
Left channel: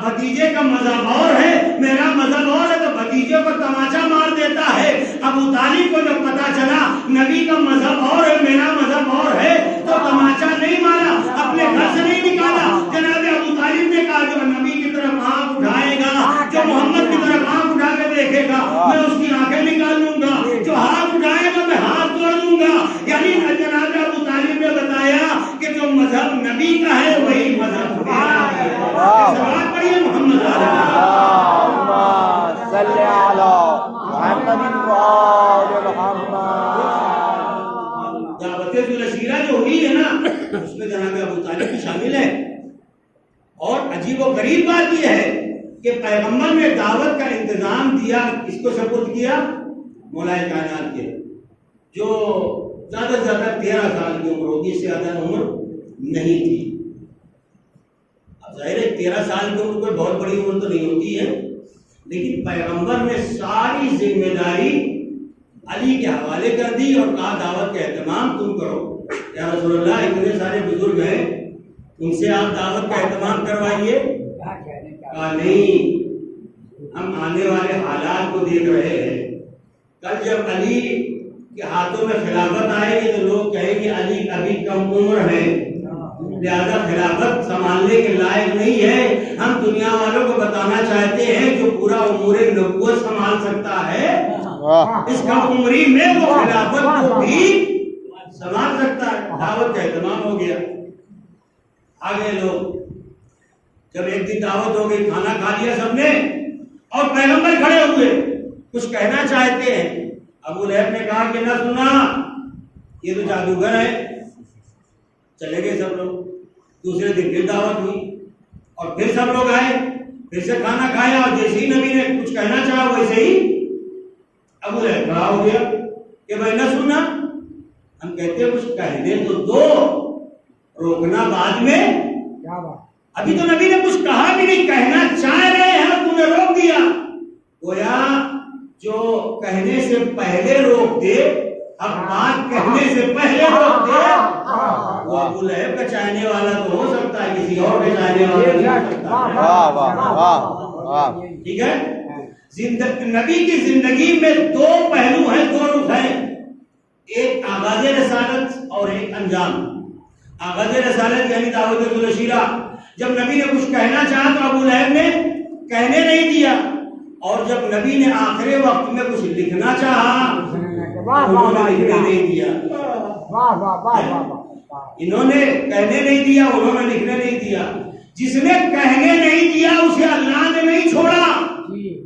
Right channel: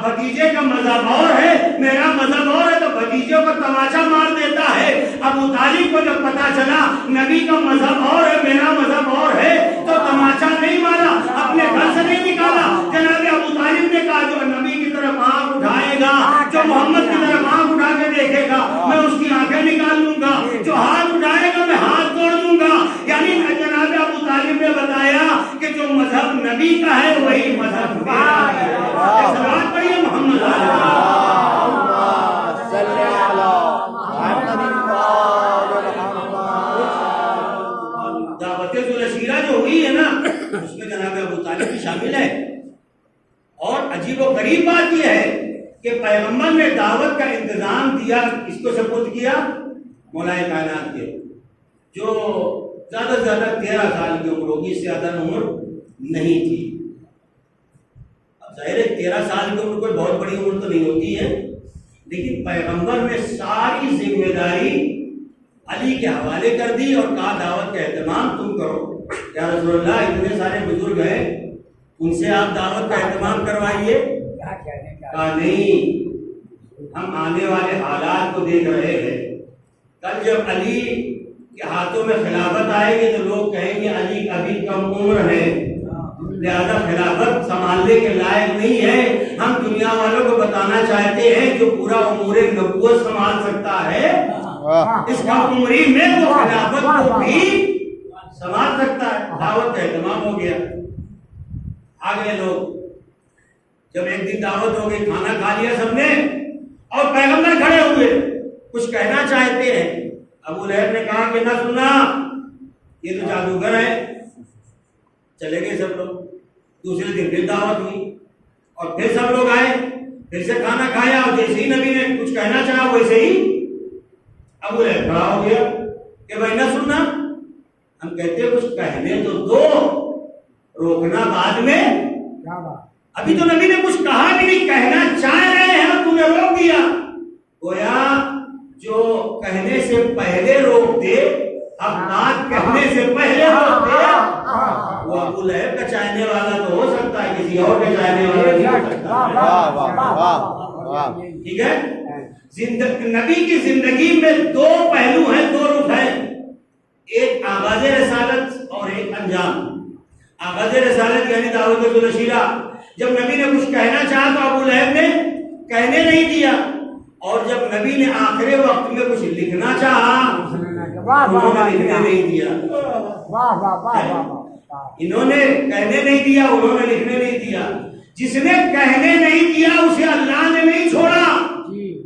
بھتیجے کا مذہب اور ہے، میرا مذہب اور ہے، تو بھتیجے کو تماچا مار دیتا ہے۔ ابو طالب کو جب پتا چلا نبی کا مذہب اور ہے، میرا مذہب اور ہے، تو تماچا نہیں مارا، اپنے گھر سے نہیں نکالا۔ جناب ابو طالب نے کہا جو نبی کی طرف آنکھ اٹھائے گا، جو محمد کی طرف آنکھ اٹھا کے دیکھے گا، میں اس کی آنکھیں نکال لوں گا، جو ہاتھ اٹھائے گا میں ہاتھ توڑ دوں گا۔ یعنی جناب ابو طالب نے بتایا کہ جو مذہب نبی کا ہے وہی مذہب میرا ہے۔ سلوات پڑھیے محمد صلی علی محمد دعوت ذوالعشیرہ جو ہوئی ہے نا، اس میں جناب ابو طالب بھی شامل ہے۔ اور عجیب و غریب بات یہ ہے کہ پیغمبر نے دعوت کا انتظام دیا، اس کو سپرد کیا مولا کائنات کے، جو زیادہ سے زیادہ 13 سال کی عمر ہوگی، اس سے زیادہ عمر نہیں تھی۔ اب ظاہر ہے 13 سال کی عمر کوئی بہت بڑی عمر تو نہیں ہوتی ہے، لیکن پیغمبر نے ساری ذمہ داری علی کے حوالے کر دی اور کہا دعوت کا اہتمام تم کرو۔ یا رسول اللہ اتنے سارے بزرگ ہیں، ان سے آپ دعوت کا اہتمام کروائیے۔ کہا نہیں، ہم آنے والے حالات کو دیکھ رہے ہیں، کل جب علی کے ہاتھوں میں خلافت آئے گی تو لوگ کہیں گے علی ابھی کم عمر ہے، لہذا خلافت سنبھالنے کے لائق نہیں ہے۔ ہم دنیا والوں کو بتانا چاہتے ہیں جو پورا امور نبوت سنبھال سکتا ہے، اس کم عمری میں وہ خلافت کو بھی سنبھال سکتا ہے۔ دعوت کا اہتمام ہو گیا، آگے لوگ جب ایک دن دعوت ہو گئی، کھانا کھا لیا سب نے، اور پیغمبر کھڑے ہوئے کچھ کہنا چاہتے ہیں۔ ابو لہب نے کہا کہ نہ سنا، یہ تو جادوگر ہے۔ چلے گئے سب لوگ۔ دوسرے دن پھر دعوت ہوئی اور پھر سب لوگ آئے، پھر سے کھانا کھایا، اور جیسے ہی نبی نے کچھ کہنا چاہا ویسے ہی ابو لہب کھڑا ہو گیا کہ بھائی نہ سننا، ہم کہتے ہیں کچھ کہنے تو دو، روکنا بعد میں۔ ابھی تو نبی نے کچھ کہا بھی نہیں، کہنا چاہ رہے ہیں اور تم نے روک دیا۔ گویا جو کہنے سے پہلے روک دے، اب بات کہنے سے پہلے روک دے، وہ ابو لہب کا چاہنے والا تو ہو سکتا ہے، کسی اور کا چاہنے والا نہیں ہو سکتا۔ ٹھیک ہے، نبی کی زندگی میں دو پہلو ہیں، دو رخ ہیں، ایک آغاز رسالت اور ایک انجام۔ آغاز رسالت یعنی دعوت ذوالعشیرہ، جب نبی نے کچھ کہنا چاہا تو ابو لہب نے کہنے نہیں دیا، اور جب نبی نے آخری وقت میں کچھ لکھنا چاہا انہوں نے لکھنے نہیں دیا۔ انہوں نے کہنے نہیں دیا، انہوں نے لکھنے نہیں دیا۔ جس نے کہنے نہیں دیا اسے اللہ نے نہیں چھوڑا،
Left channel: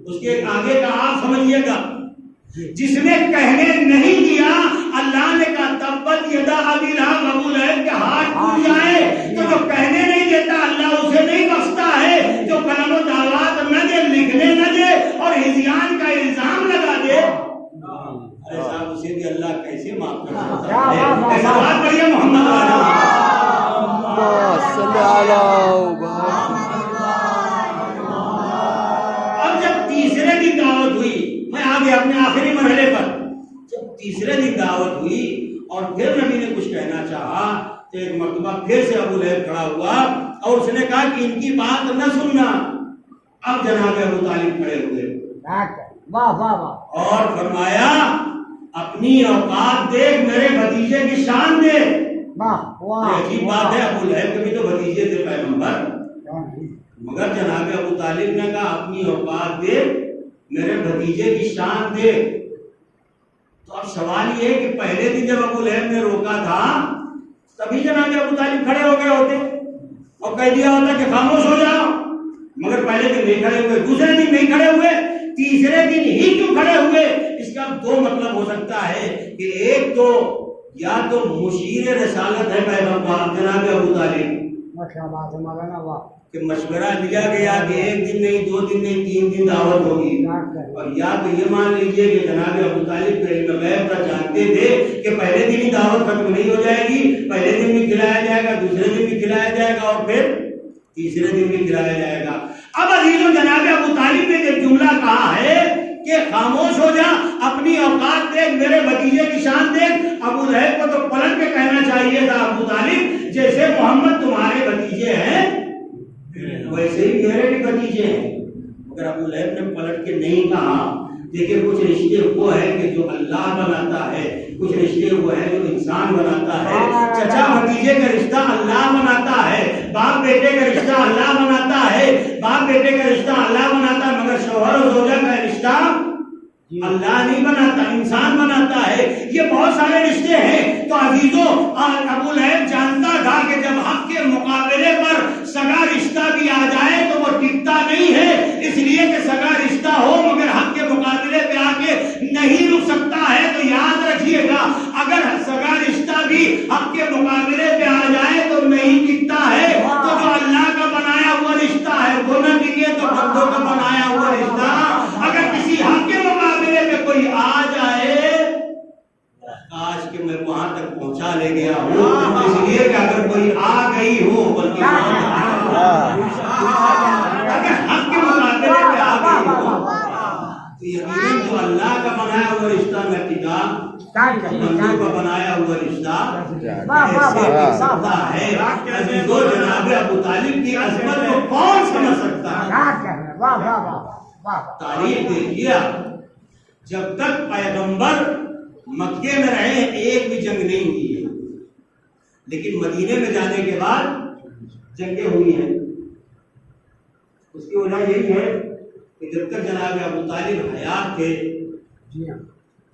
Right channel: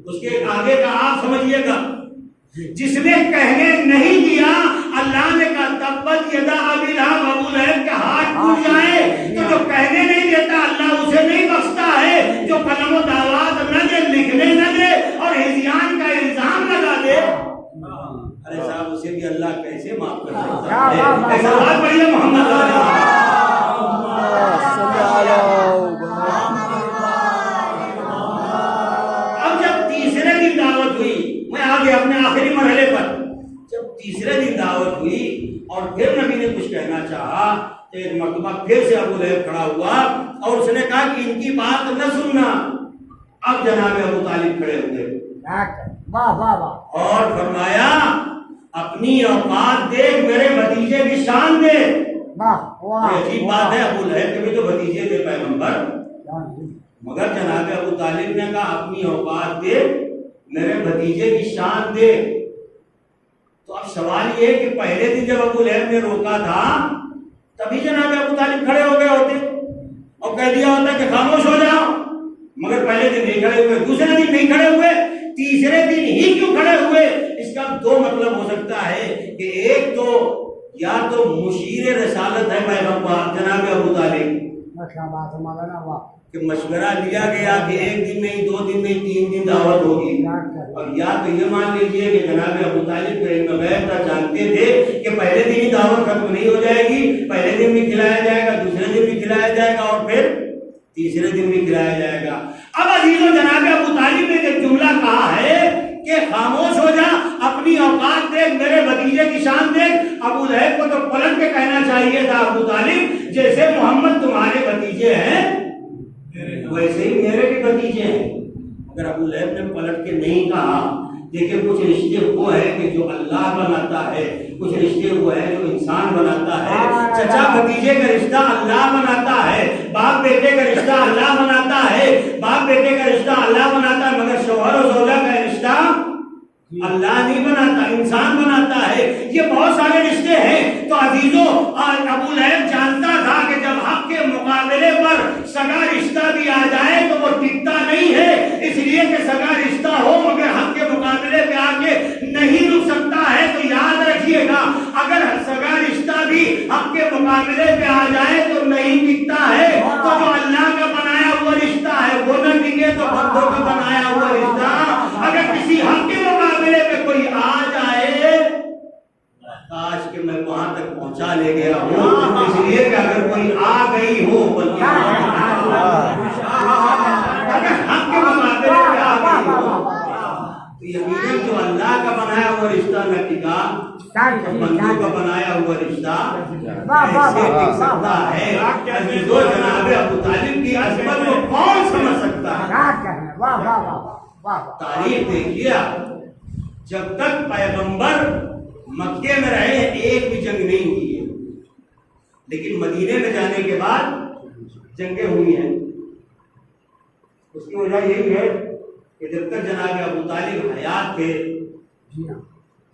اس کے آگے کا آپ سمجھیے گا۔ جس نے کہنے نہیں دیا اللہ نے کہا تبت یدا ابی لہب، ابو لہب کے ہاتھ ٹوٹ جائے، تو جو کہنے نہیں دیتا اللہ اسے نہیں بخشتا ہے، جو قلم و دعوات نہ دے، لکھنے نہ دے اور ہذیان کا الزام لگا دے، ارے صاحب معاف کر سکتا ہے. ایسا بات پڑھی ہے محمد صلی اللہ. اب جب تیسرے دن دعوت ہوئی، میں آگے اپنے آخری مرحلے پر، جب تیسرے دن دعوت ہوئی اور پھر نبی نے کچھ کہنا چاہا تو ایک مرتبہ پھر سے ابو لہب کھڑا ہوا اور اس نے کہا کہ ان کی بات نہ سننا. اب جناب ابو طالب کھڑے ہوئے اور فرمایا اپنی اوقات دیکھ، میرے بھتیجے کی شان دیکھ. عجیب بات ہے، ابو لہب کے بھی تو بھتیجے تھے پیغمبر، مگر جناب ابو طالب نے کہا اپنی اوقات دیکھ، میرے بھتیجے کی شان دیکھ. تو اب سوال یہ ہے کہ پہلے دن جب ابو لہب نے روکا تھا تبھی جناب ابو طالب کھڑے ہو گئے ہوتے اور کہہ دیا ہوتا کہ خاموش ہو جاؤ، مگر پہلے دن نہیں کھڑے ہوئے، دوسرے دن نہیں کھڑے ہوئے، تیسرے دن ہی کیوں کھڑے ہوئے؟ اس کا دو مطلب ہو سکتا ہے کہ ایک تو یا تو مشیر رسالت ہے پیغمبر جناب ابو طالب کہ مشورہ لیا گیا کہ ایک دن نہیں، دو دن نہیں، 3 دن دعوت ہوگی، اور یا تو یہ مان لیجئے کہ جناب ابو طالب کا علم غیب کا جانتے تھے کہ پہلے دن ہی دعوت ختم نہیں ہو جائے گی، پہلے دن بھی کھلایا جائے گا، دوسرے دن بھی کھلایا جائے گا اور پھر تیسرے دن بھی کھلایا جائے گا. اب عزیزوں جناب ابو طالب نے جب جملہ کہا ہے کہ خاموش ہو جا، اپنی اوقات دیکھ، میرے بھتیجے کی شان دیکھ، ابو لہب کو تو پلٹ کے کہنا چاہیے تھا ابو طالب جیسے محمد تمہارے بھتیجے ہیں ویسے ہی میرے بھی بھتیجے ہیں، مگر ابو لہب نے پلٹ کے نہیں کہا. دیکھیں کچھ رشتے وہ ہے کہ جو اللہ بناتا ہے، کچھ رشتے وہ ہے جو انسان بناتا ہے. چچا بھتیجے کا رشتہ اللہ بناتا ہے، باپ بیٹے کا رشتہ اللہ بناتا ہے، باپ بیٹے کا رشتہ اللہ بناتا ہے، مگر شوہر و زوجہ کا رشتہ اللہ نہیں بناتا، انسان بناتا ہے. یہ بہت سارے رشتے ہیں. تو عزیزوں ابو لہب جانتا تھا کہ جب حق کے مقابلے پر سگا رشتہ بھی آ جائے تو وہ ٹکتا نہیں ہے، اس لیے کہ سگا رشتہ ہو مگر حق کے مقابلے پہ آ کے نہیں رک سکتا ہے. تو یاد رکھیے گا اگر سگا رشتہ بھی حق کے مقابلے پہ آ جائے تو نہیں ٹکتا ہے. تو جو اللہ کا بنایا ہوا رشتہ ہے وہ نہ ٹکے تو بندوں کا بنایا ہوا رشتہ اگر کسی حق کے مقابلے پہ کوئی آ جائے، کاش کہ میں وہاں تک پہنچا لے گیا ہوں، اس لیے کہ اگر کوئی آ گئی ہو بلکہ اگر حق کے مقابلے پہ آ گئی ہو تو یقیناً جو اللہ کا بنایا ہوا رشتہ نہ ٹکا، بندوں کا بنایا ہوا رشتہ ایسے ٹک سکتا ہے. عزیزو جناب ابو طالب کی عظمت کو کون سمجھ سکتا ہے؟ تاریخ دیکھیے، جب تک پیغمبر مکے میں رہے ایک بھی جنگ نہیں ہوئی ہے، لیکن مدینے میں جانے کے بعد جنگیں ہوئی ہیں. اس کی وجہ یہی ہے کہ جب تک جناب ابو طالب حیات تھے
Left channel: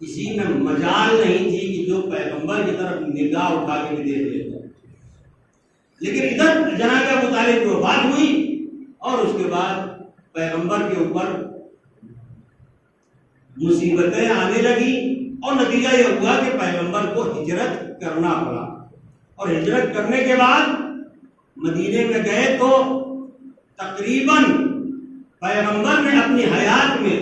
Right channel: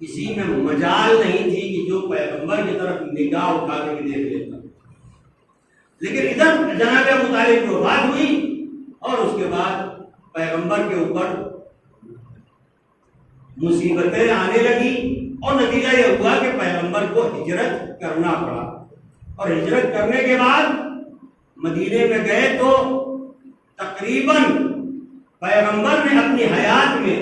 کسی میں مجال نہیں تھی کہ جو پیغمبر کی طرف نگاہ اٹھا کے بھی دیکھ لیتا. لیکن ادھر جناب ابو طالب کی وفات ہوئی اور اس کے بعد پیغمبر کے اوپر مصیبتیں آنے لگی اور نتیجہ یہ ہوا کہ پیغمبر کو ہجرت کرنا پڑا. اور ہجرت کرنے کے بعد مدینے میں گئے تو تقریباً پیغمبر نے اپنی حیات میں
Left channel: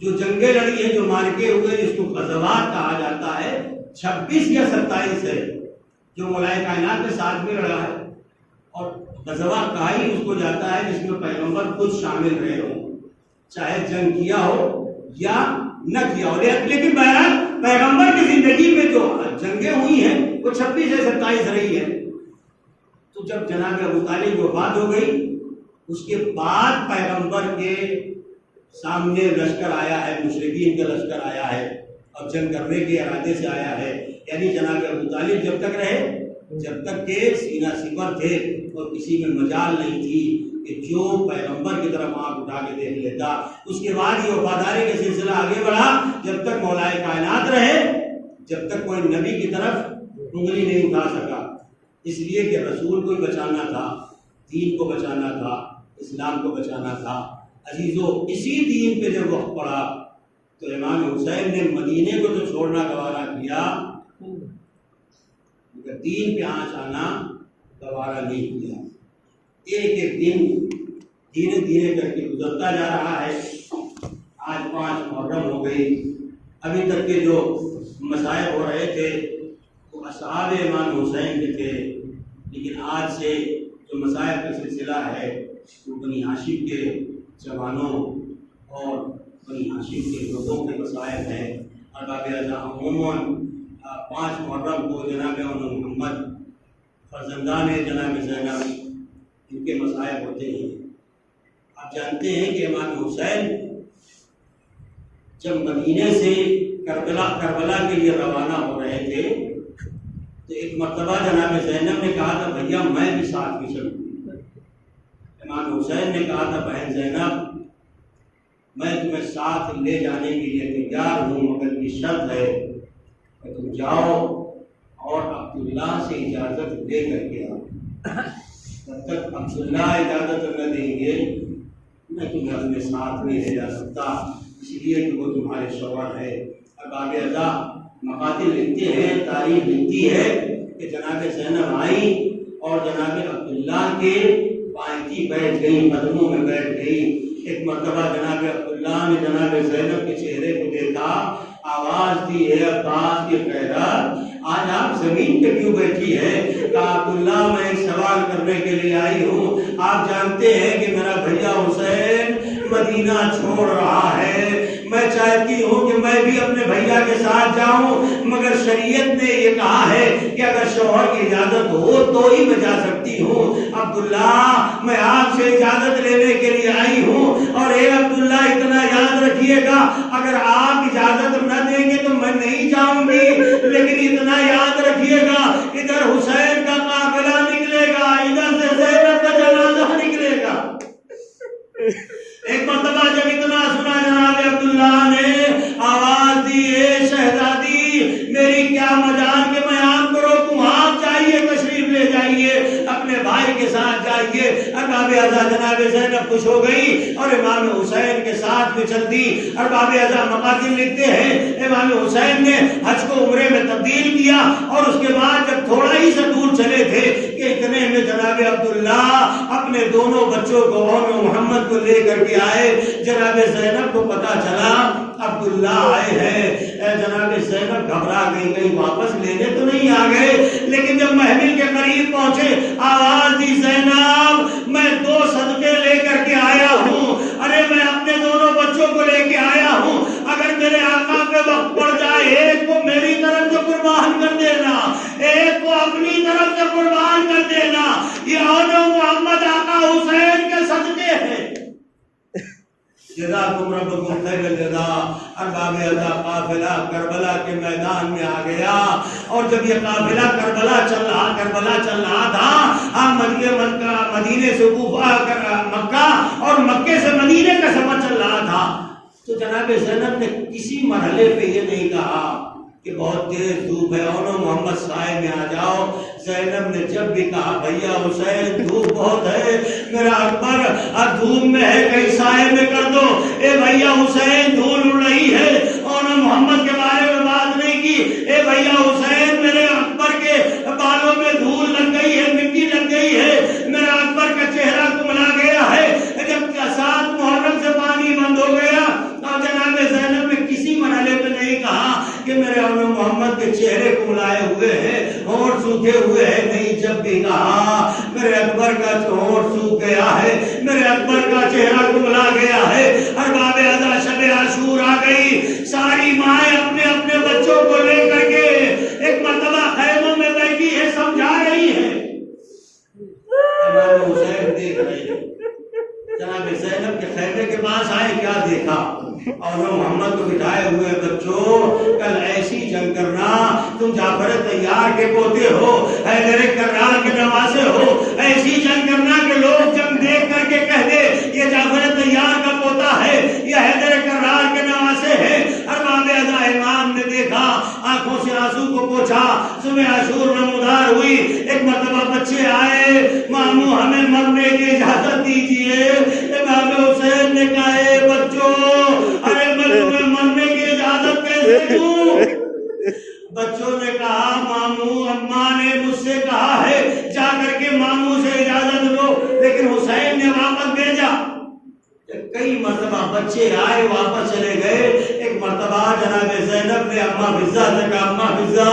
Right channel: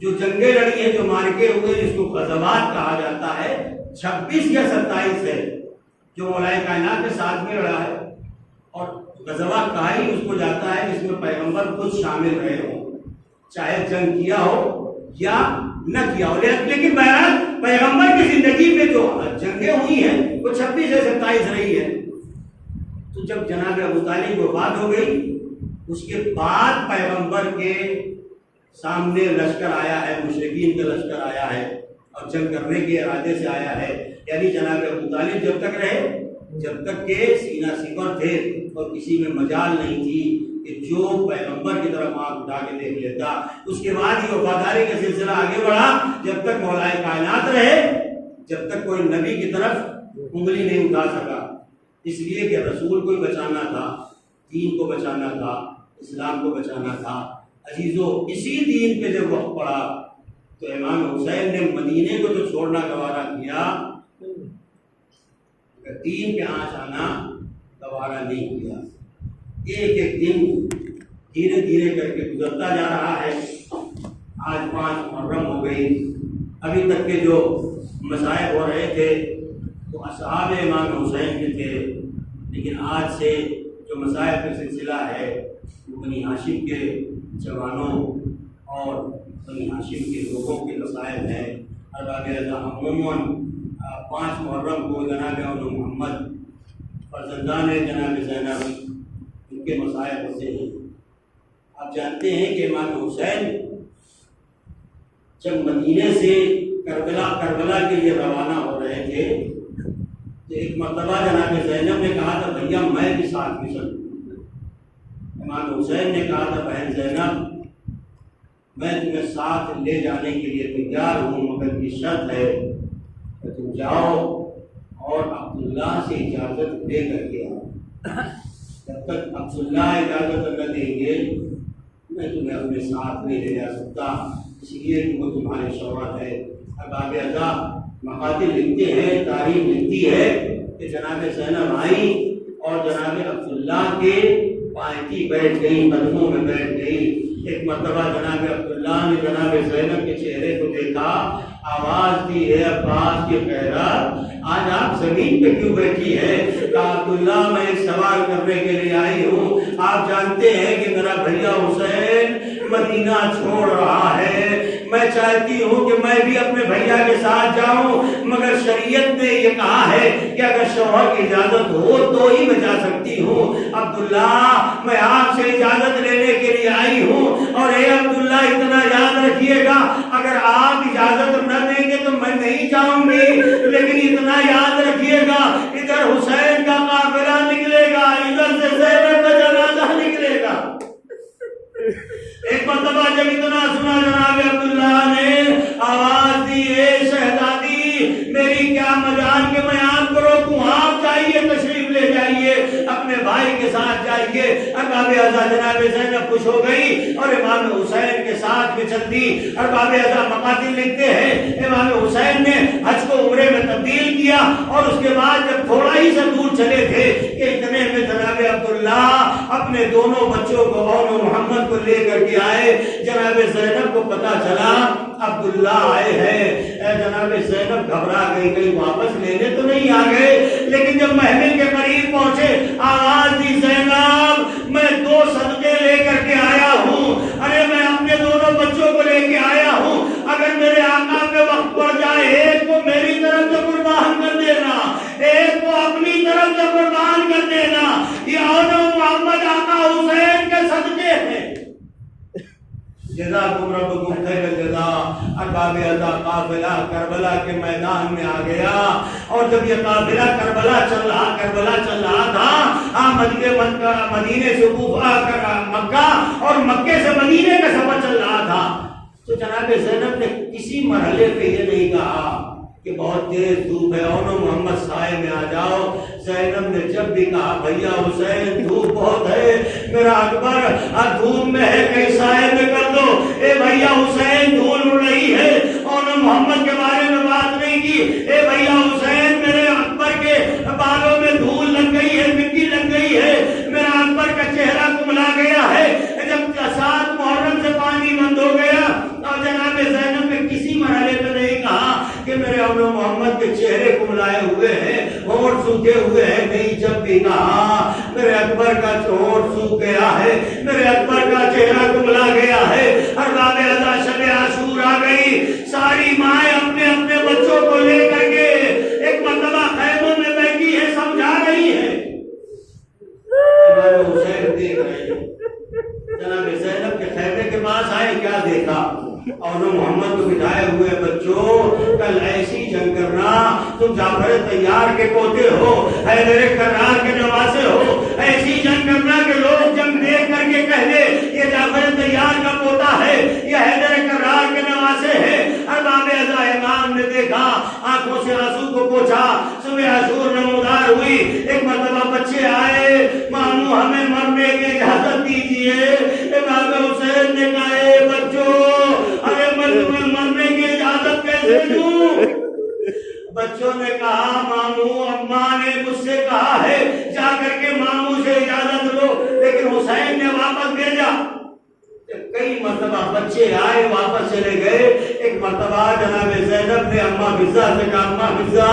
جو جنگیں لڑی ہیں، جو مارکے ہوئے جس کو غزوات کہا جاتا ہے، 26 یا 27 ہے جو مولائے کائنات کے ساتھ میں لڑا ہے. اور غزوہ کہا ہی اس کو جاتا ہے جس میں پیغمبر خود شامل رہے ہوں، چاہے جنگ کیا ہو یا نہ کیا ہو. لیکن بہرحال پیغمبر کی زندگی میں جو جنگیں ہوئی ہیں وہ 26 سے 27 رہی ہے. تو جب جناب ابو طالب وفات ہو گئی اس کے بعد پیغمبر کے سامنے لشکر آیا ہے، مشرکین کا لشکر آیا ہے اور جنگ کرنے کے ارادے سے آیا ہے. یعنی جناب ابو طالب جب تک رہے، جب تک کہ سینہ سپر تھے اور کسی میں مجال نہیں تھی کہ جو پیغمبر کی طرف آنکھ اٹھا کے دیکھ لیتا. اس کے بعد یہ وفاداری کا سلسلہ آگے بڑھا جب تک مولائے کائنات رہے، جب تک کوئی نبی کی طرف انگلی نہیں اٹھا سکا. اس لیے کہ رسول کو بچانا تھا، دین کو بچانا تھا، اسلام کو بچانا تھا. عزیزو اسی دین پہ جب وقت پڑا تو امام حسین نے مدینے کو جو چھوڑنا گوارا کیا، دین پہ آنچ آنا گوارا نہیں کیا. ایک ایک دن دھیرے دھیرے کر کے گزرتا جا رہا ہے. آج 5 محرم ہو گئی، ابھی تک کے جو مصائب ہو رہے تھے وہ اصحاب امام حسین کے تھے، لیکن آج سے جو مصائب کا سلسلہ ہے وہ بنی ہاشم کے جوانوں اور بنی ہاشم کے لوگوں کے مصائب ہیں۔ ارباب اعضاء عموماً 5 محرم کو جناب محمد فرزندان جناب زینب ان کے مصائب ہوتے ہیں۔ آپ جانتے ہیں کہ امام حسین جب مدینے سے کربلا کے لیے روانہ ہو رہے تھے تو ایک مرتبہ جناب زینب نے کہا تھا بھیا میں بھی ساتھ میں چلوں۔ امام حسین نے کہا تھا بہن زینب میں تمہیں ساتھ لے جانے کے لیے تیار ہوں، مگر یہ شرط ہے کہ تم جاؤ اور عبداللہ سے اجازت لے کر کے آؤ۔ جب تک عبداللہ اجازت نہ دیں گے میں تمہیں اپنے ساتھ نہیں لے جا سکتا، اس لیے کہ وہ تمہارے شوہر ہے۔ ارباب اعضاء مقاتل لکھتے ہیں، تاریخ لکھتی ہے کہ جناب زینب آئی اور جناب عبداللہ کے پائیں بیٹھ گئی، قدموں میں بیٹھ گئی۔ ایک مرتبہ جناب عبداللہ نے جناب زینب کے چہرے کو دیکھا، آواز دی ہے عباس کی خیرات آج آپ زمین پہ کیوں بیٹھی ہے؟ کہا عبداللہ میں ایک سوال کرنے کے لیے آئی ہوں، آپ جانتے ہیں کہ میرا بھیا حسین مدینہ چھوڑ رہا ہے، میں چاہتی ہوں کہ میں بھی اپنے بھیا کے ساتھ جاؤں، مگر شریعت نے یہ کہا ہے کہ اگر شوہر کی اجازت ہو تو ہی میں جا سکتی ہوں۔ عبداللہ میں آپ سے اجازت لینے کے لیے آئی ہوں، اور اے عبداللہ اتنا یاد رکھیے گا اگر آپ اجازت نہ دیں گے تو میں نہیں جاؤں گی، لیکن اتنا یاد رکھیے گا ادھر حسین کا قافلہ نکلے گا، ادھر سے زینب کا جنازہ نکلے گا۔ ایک مرتبہ جب اتنا سنا جناب عبداللہ نے آواز دی اے شہزادی میری کیا مجال کے میں آپ کو روکوں، آپ چاہیے تشریف لے جائیے، اپنے بھائی کے ساتھ جائیے۔ ارباب اعضاء جناب زینب خوش ہو گئی اور امام حسین کے ساتھ میں چل دی۔ ارباب اعضاء مقاتل لکھتے ہیں امام حسین نے حج کو عمرے میں تبدیل کیا، اور اس کے بعد جب تھوڑا ہی سا دور چلے تھے کہ اتنے میں جناب عبداللہ اپنے دونوں بچوں کو اور محمد کو لے کر کے آئے۔ جناب زینب کو پتا چلا عبداللہ آئے ہیں، جناب زینب گھبرا گئی واپس لینے تو نہیں آ گئے، لیکن جب محمل کے قریب پہنچے آواز دی زینب میں 2 صدقے لے کر کے آیا ہوں، ارے میں اپنے دونوں بچوں کو لے کے آیا ہوں، اگر میرے آقا پہ وقت پڑ جائے ایک کو میری طرف سے قربان کر دینا، ایک کو اپنی طرف سے قربان کر دینا، یہ آنو محمد آقا حسین کے صدقے ہیں۔ جزاکم ربکم خیر الجزاء۔ ارباب اعضاء قافلہ کربلا کے میدان میں آ گیا، اور جب یہ قافلہ کربلا چل رہا تھا، مدینے سے مکہ اور مکے سے مدینے کا سفر چل رہا تھا، تو جناب زینب نے کسی مرحلے پہ یہ نہیں کہا کہ بہت تیز دھوپ ہے اور محمد سائے میں آ جاؤ۔ زینب نے جب بھی کہا بھیا حسین دھوپ بہت ہے، میرا اکبر دھوپ میں ہے کہیں سائے میں کر دو، اے بھیا حسین دھول اڑ رہی ہے، اور محمد کے بارے میں بات نہیں کی، اے بھیا حسین میرے اکبر کے بالوں میں دھول لگ گئی ہے، مٹی لگ گئی ہے، میرا اکبر کا چہرہ کملا گیا ہے۔ جب 7 محرم سے پانی بند ہو گیا اور جناب زینب نے کسی مرحلے پہ نہیں کہا کہ میرے اور محمد کے چہرے کملائے ہوئے ہیں، ہونٹ سوکھے ہوئے ہیں، نہیں، جب بھی کہا میرے اکبر کا ہونٹ سوکھ گیا ہے، میرے اکبر کا چہرہ کملا گیا ہے۔ ارباب اعضاء شب عاشور آ گئی، ساری مائیں اپنے اپنے بچوں کو لے کر کے ایک مرتبہ خیموں میں بیٹھی ہے، سمجھا رہی ہے۔ امام حسین دیکھ رہے ہیں، جناب زینب کے خیمے کے پاس آئے، کیا دیکھا؟ اور محمد کو بٹھائے ہوئے بچوں کل ایسی جنگ کرنا، تم جعفر طیار کے پوتے ہو، حیدر کرار کے نواسے ہو، ایسی جنگ کرنا کہ لوگ جنگ دیکھ کر کے کہہ دے یہ جعفر طیار کا پوتا ہے، یہ حیدر کرار کے نواسے ہے۔ ارباب اعضاء امام نے دیکھا، آنکھوں سے آنسو کو پوچھا، صبح عاشور نمودار ہوئی، ایک مرتبہ بچے آئے، ماموں ہمیں مرنے کی اجازت دیجیے۔ امام حسین نے کہا اے بچوں ارے میں تمہیں مرنے کی اجازت کیسے دوں؟ بچوں نے کہا ماموں اماں نے مجھ سے کہا ہے جا کر کے ماموں سے اجازت لو، لیکن حسین نے واپس بھیجا۔ کئی مرتبہ بچے آئے واپس چلے گئے، ایک مرتبہ جناب زینب نے اما فضہ سے کہا اما فضہ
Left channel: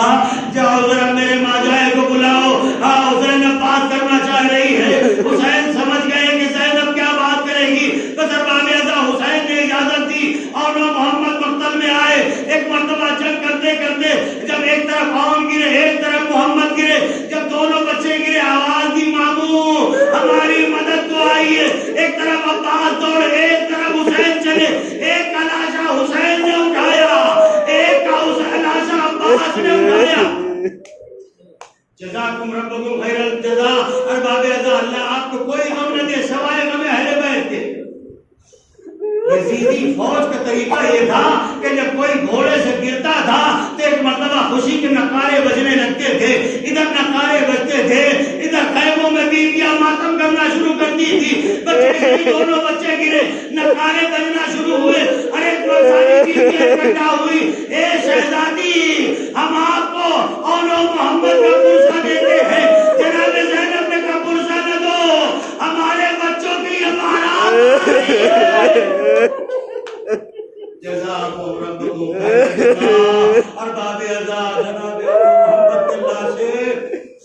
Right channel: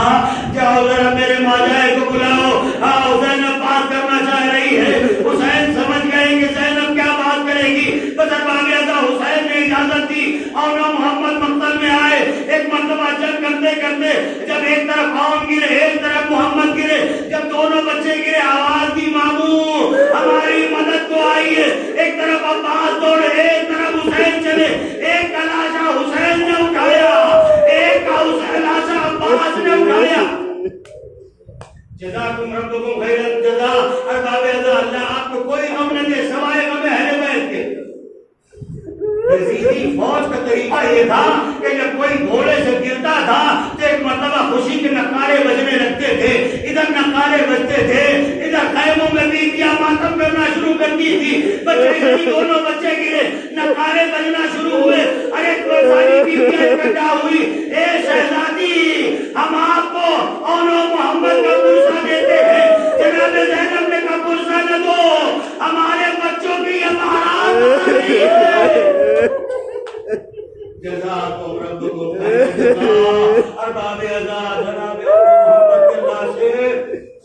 جاؤ ذرا میرے ماجائے کو بلاؤ، حسین بات کرنا چاہ رہی ہے۔ حسین سمجھ گئے کہ زینب کیا بات کرے گی، بس حسین نے اجازت دی اور محمد مقتل میں آئے۔ ایک مرتبہ جنگ کرتے کرتے جب ایک طرف عون گرے ایک طرف محمد گرے، جب دونوں بچے گرے آواز دی ماموں ہماری مدد کو آئیے۔ ایک طرف عباس دوڑے ایک طرف حسین چلے، ایک کا لاشا حسین نے اٹھایا ایک کا لاشا عباس نے اٹھایا۔ جزاکم ربکم خیر الجزا۔ ارباب رضا اللہ آپ کو کوئی غم نہ دے سوائے غم اہل بیت کے۔ یزیدی فوج کا طریقہ یہ تھا کہ جب کوئی گھوڑے سے گرتا تھا تو ایک مرتبہ خوشی کے نقارے بجنے لگتے تھے، ادھر نقارے بجتے تھے، ادھر خیموں میں بیویاں ماتم کرنا شروع کرتی تھی۔ بچے دونوں بچے گرے، نقارے بجنا شروع ہوئے، اور ایک بار ساری بیویاں اکٹھا ہوئی، اے شہزادی ہم آپ کو اور محمد کا پرسہ دیتے ہیں۔ جناب زینب نے کہا پرسہ نہ دو، ہمارے بچوں کی امانات آئی ہے۔ جزاکم ربکم خیر الجزا۔ ارباب رضا جناب محمد کے لاشے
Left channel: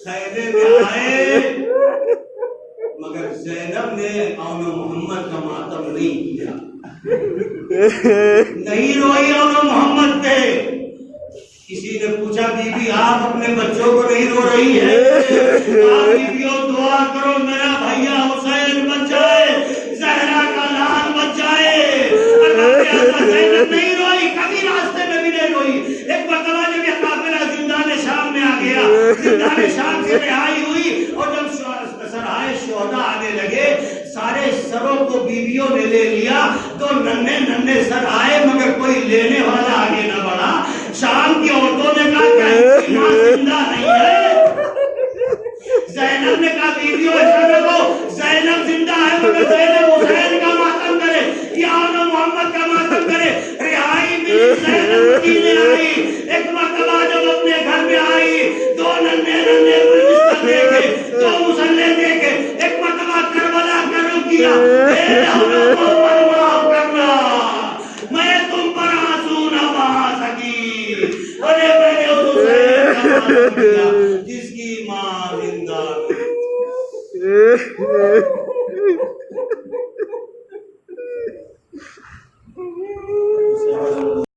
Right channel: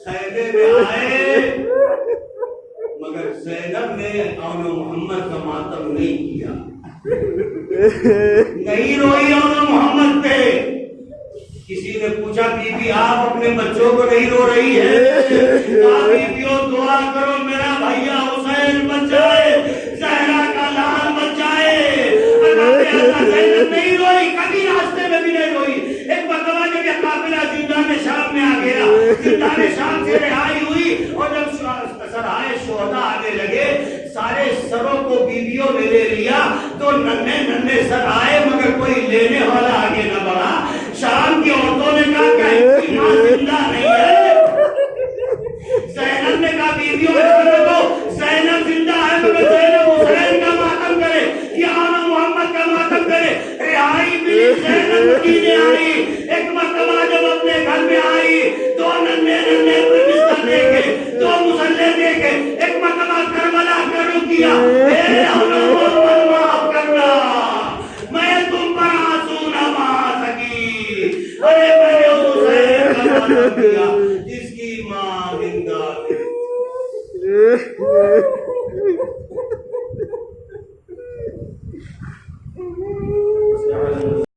خیمے میں آئے، مگر زینب نے اون محمد کا ماتم نہیں کیا، نہیں روئی اون محمد پہ۔ کسی نے پوچھا بی بی آپ اپنے بچوں کو نہیں رو رہی ہے؟ کہا بیبیوں دعا کرو میرا بھیا حسین بچ جائے، زہرا کا لال بچ جائے۔ زینب نہیں روئی، کبھی راستے میں بھی نہیں روئی۔ ایک مرتبہ جب یہ قافلہ زندان شام میں آ گیا، زندان شام سے رہائی ہوئی، اور جب سرائے شہداء آنے لگے سارے سروں کو بیویوں نے لے لیا، تو ننھے ننھے سر آئے مگر کوئی لینے والا آگے نہ بڑھا۔ شام کی عورتوں نے کہا کہ کوئی ماں زندہ نہیں ہے۔ زینب نے کہا بیویوں جانے دو، زینب زندہ ہے مگر زینب حسین کا ماتم کرے یا محمد کا ماتم کرے۔ رہائی ملی، زینب مدینے آئی۔ ایک مرتبہ جب اپنے گھر میں آئی، دو ننھے ننھے بستر دے کے، دو مسلح دے کے، ایک مرتبہ کربلا کا رخ کیا، اے ہمیں معاف کرنا، میں تم پر آنسو نہ بہا سکی، ارے میں نے حسین کا ماتم کیا جس کی ماں زندہ تھی۔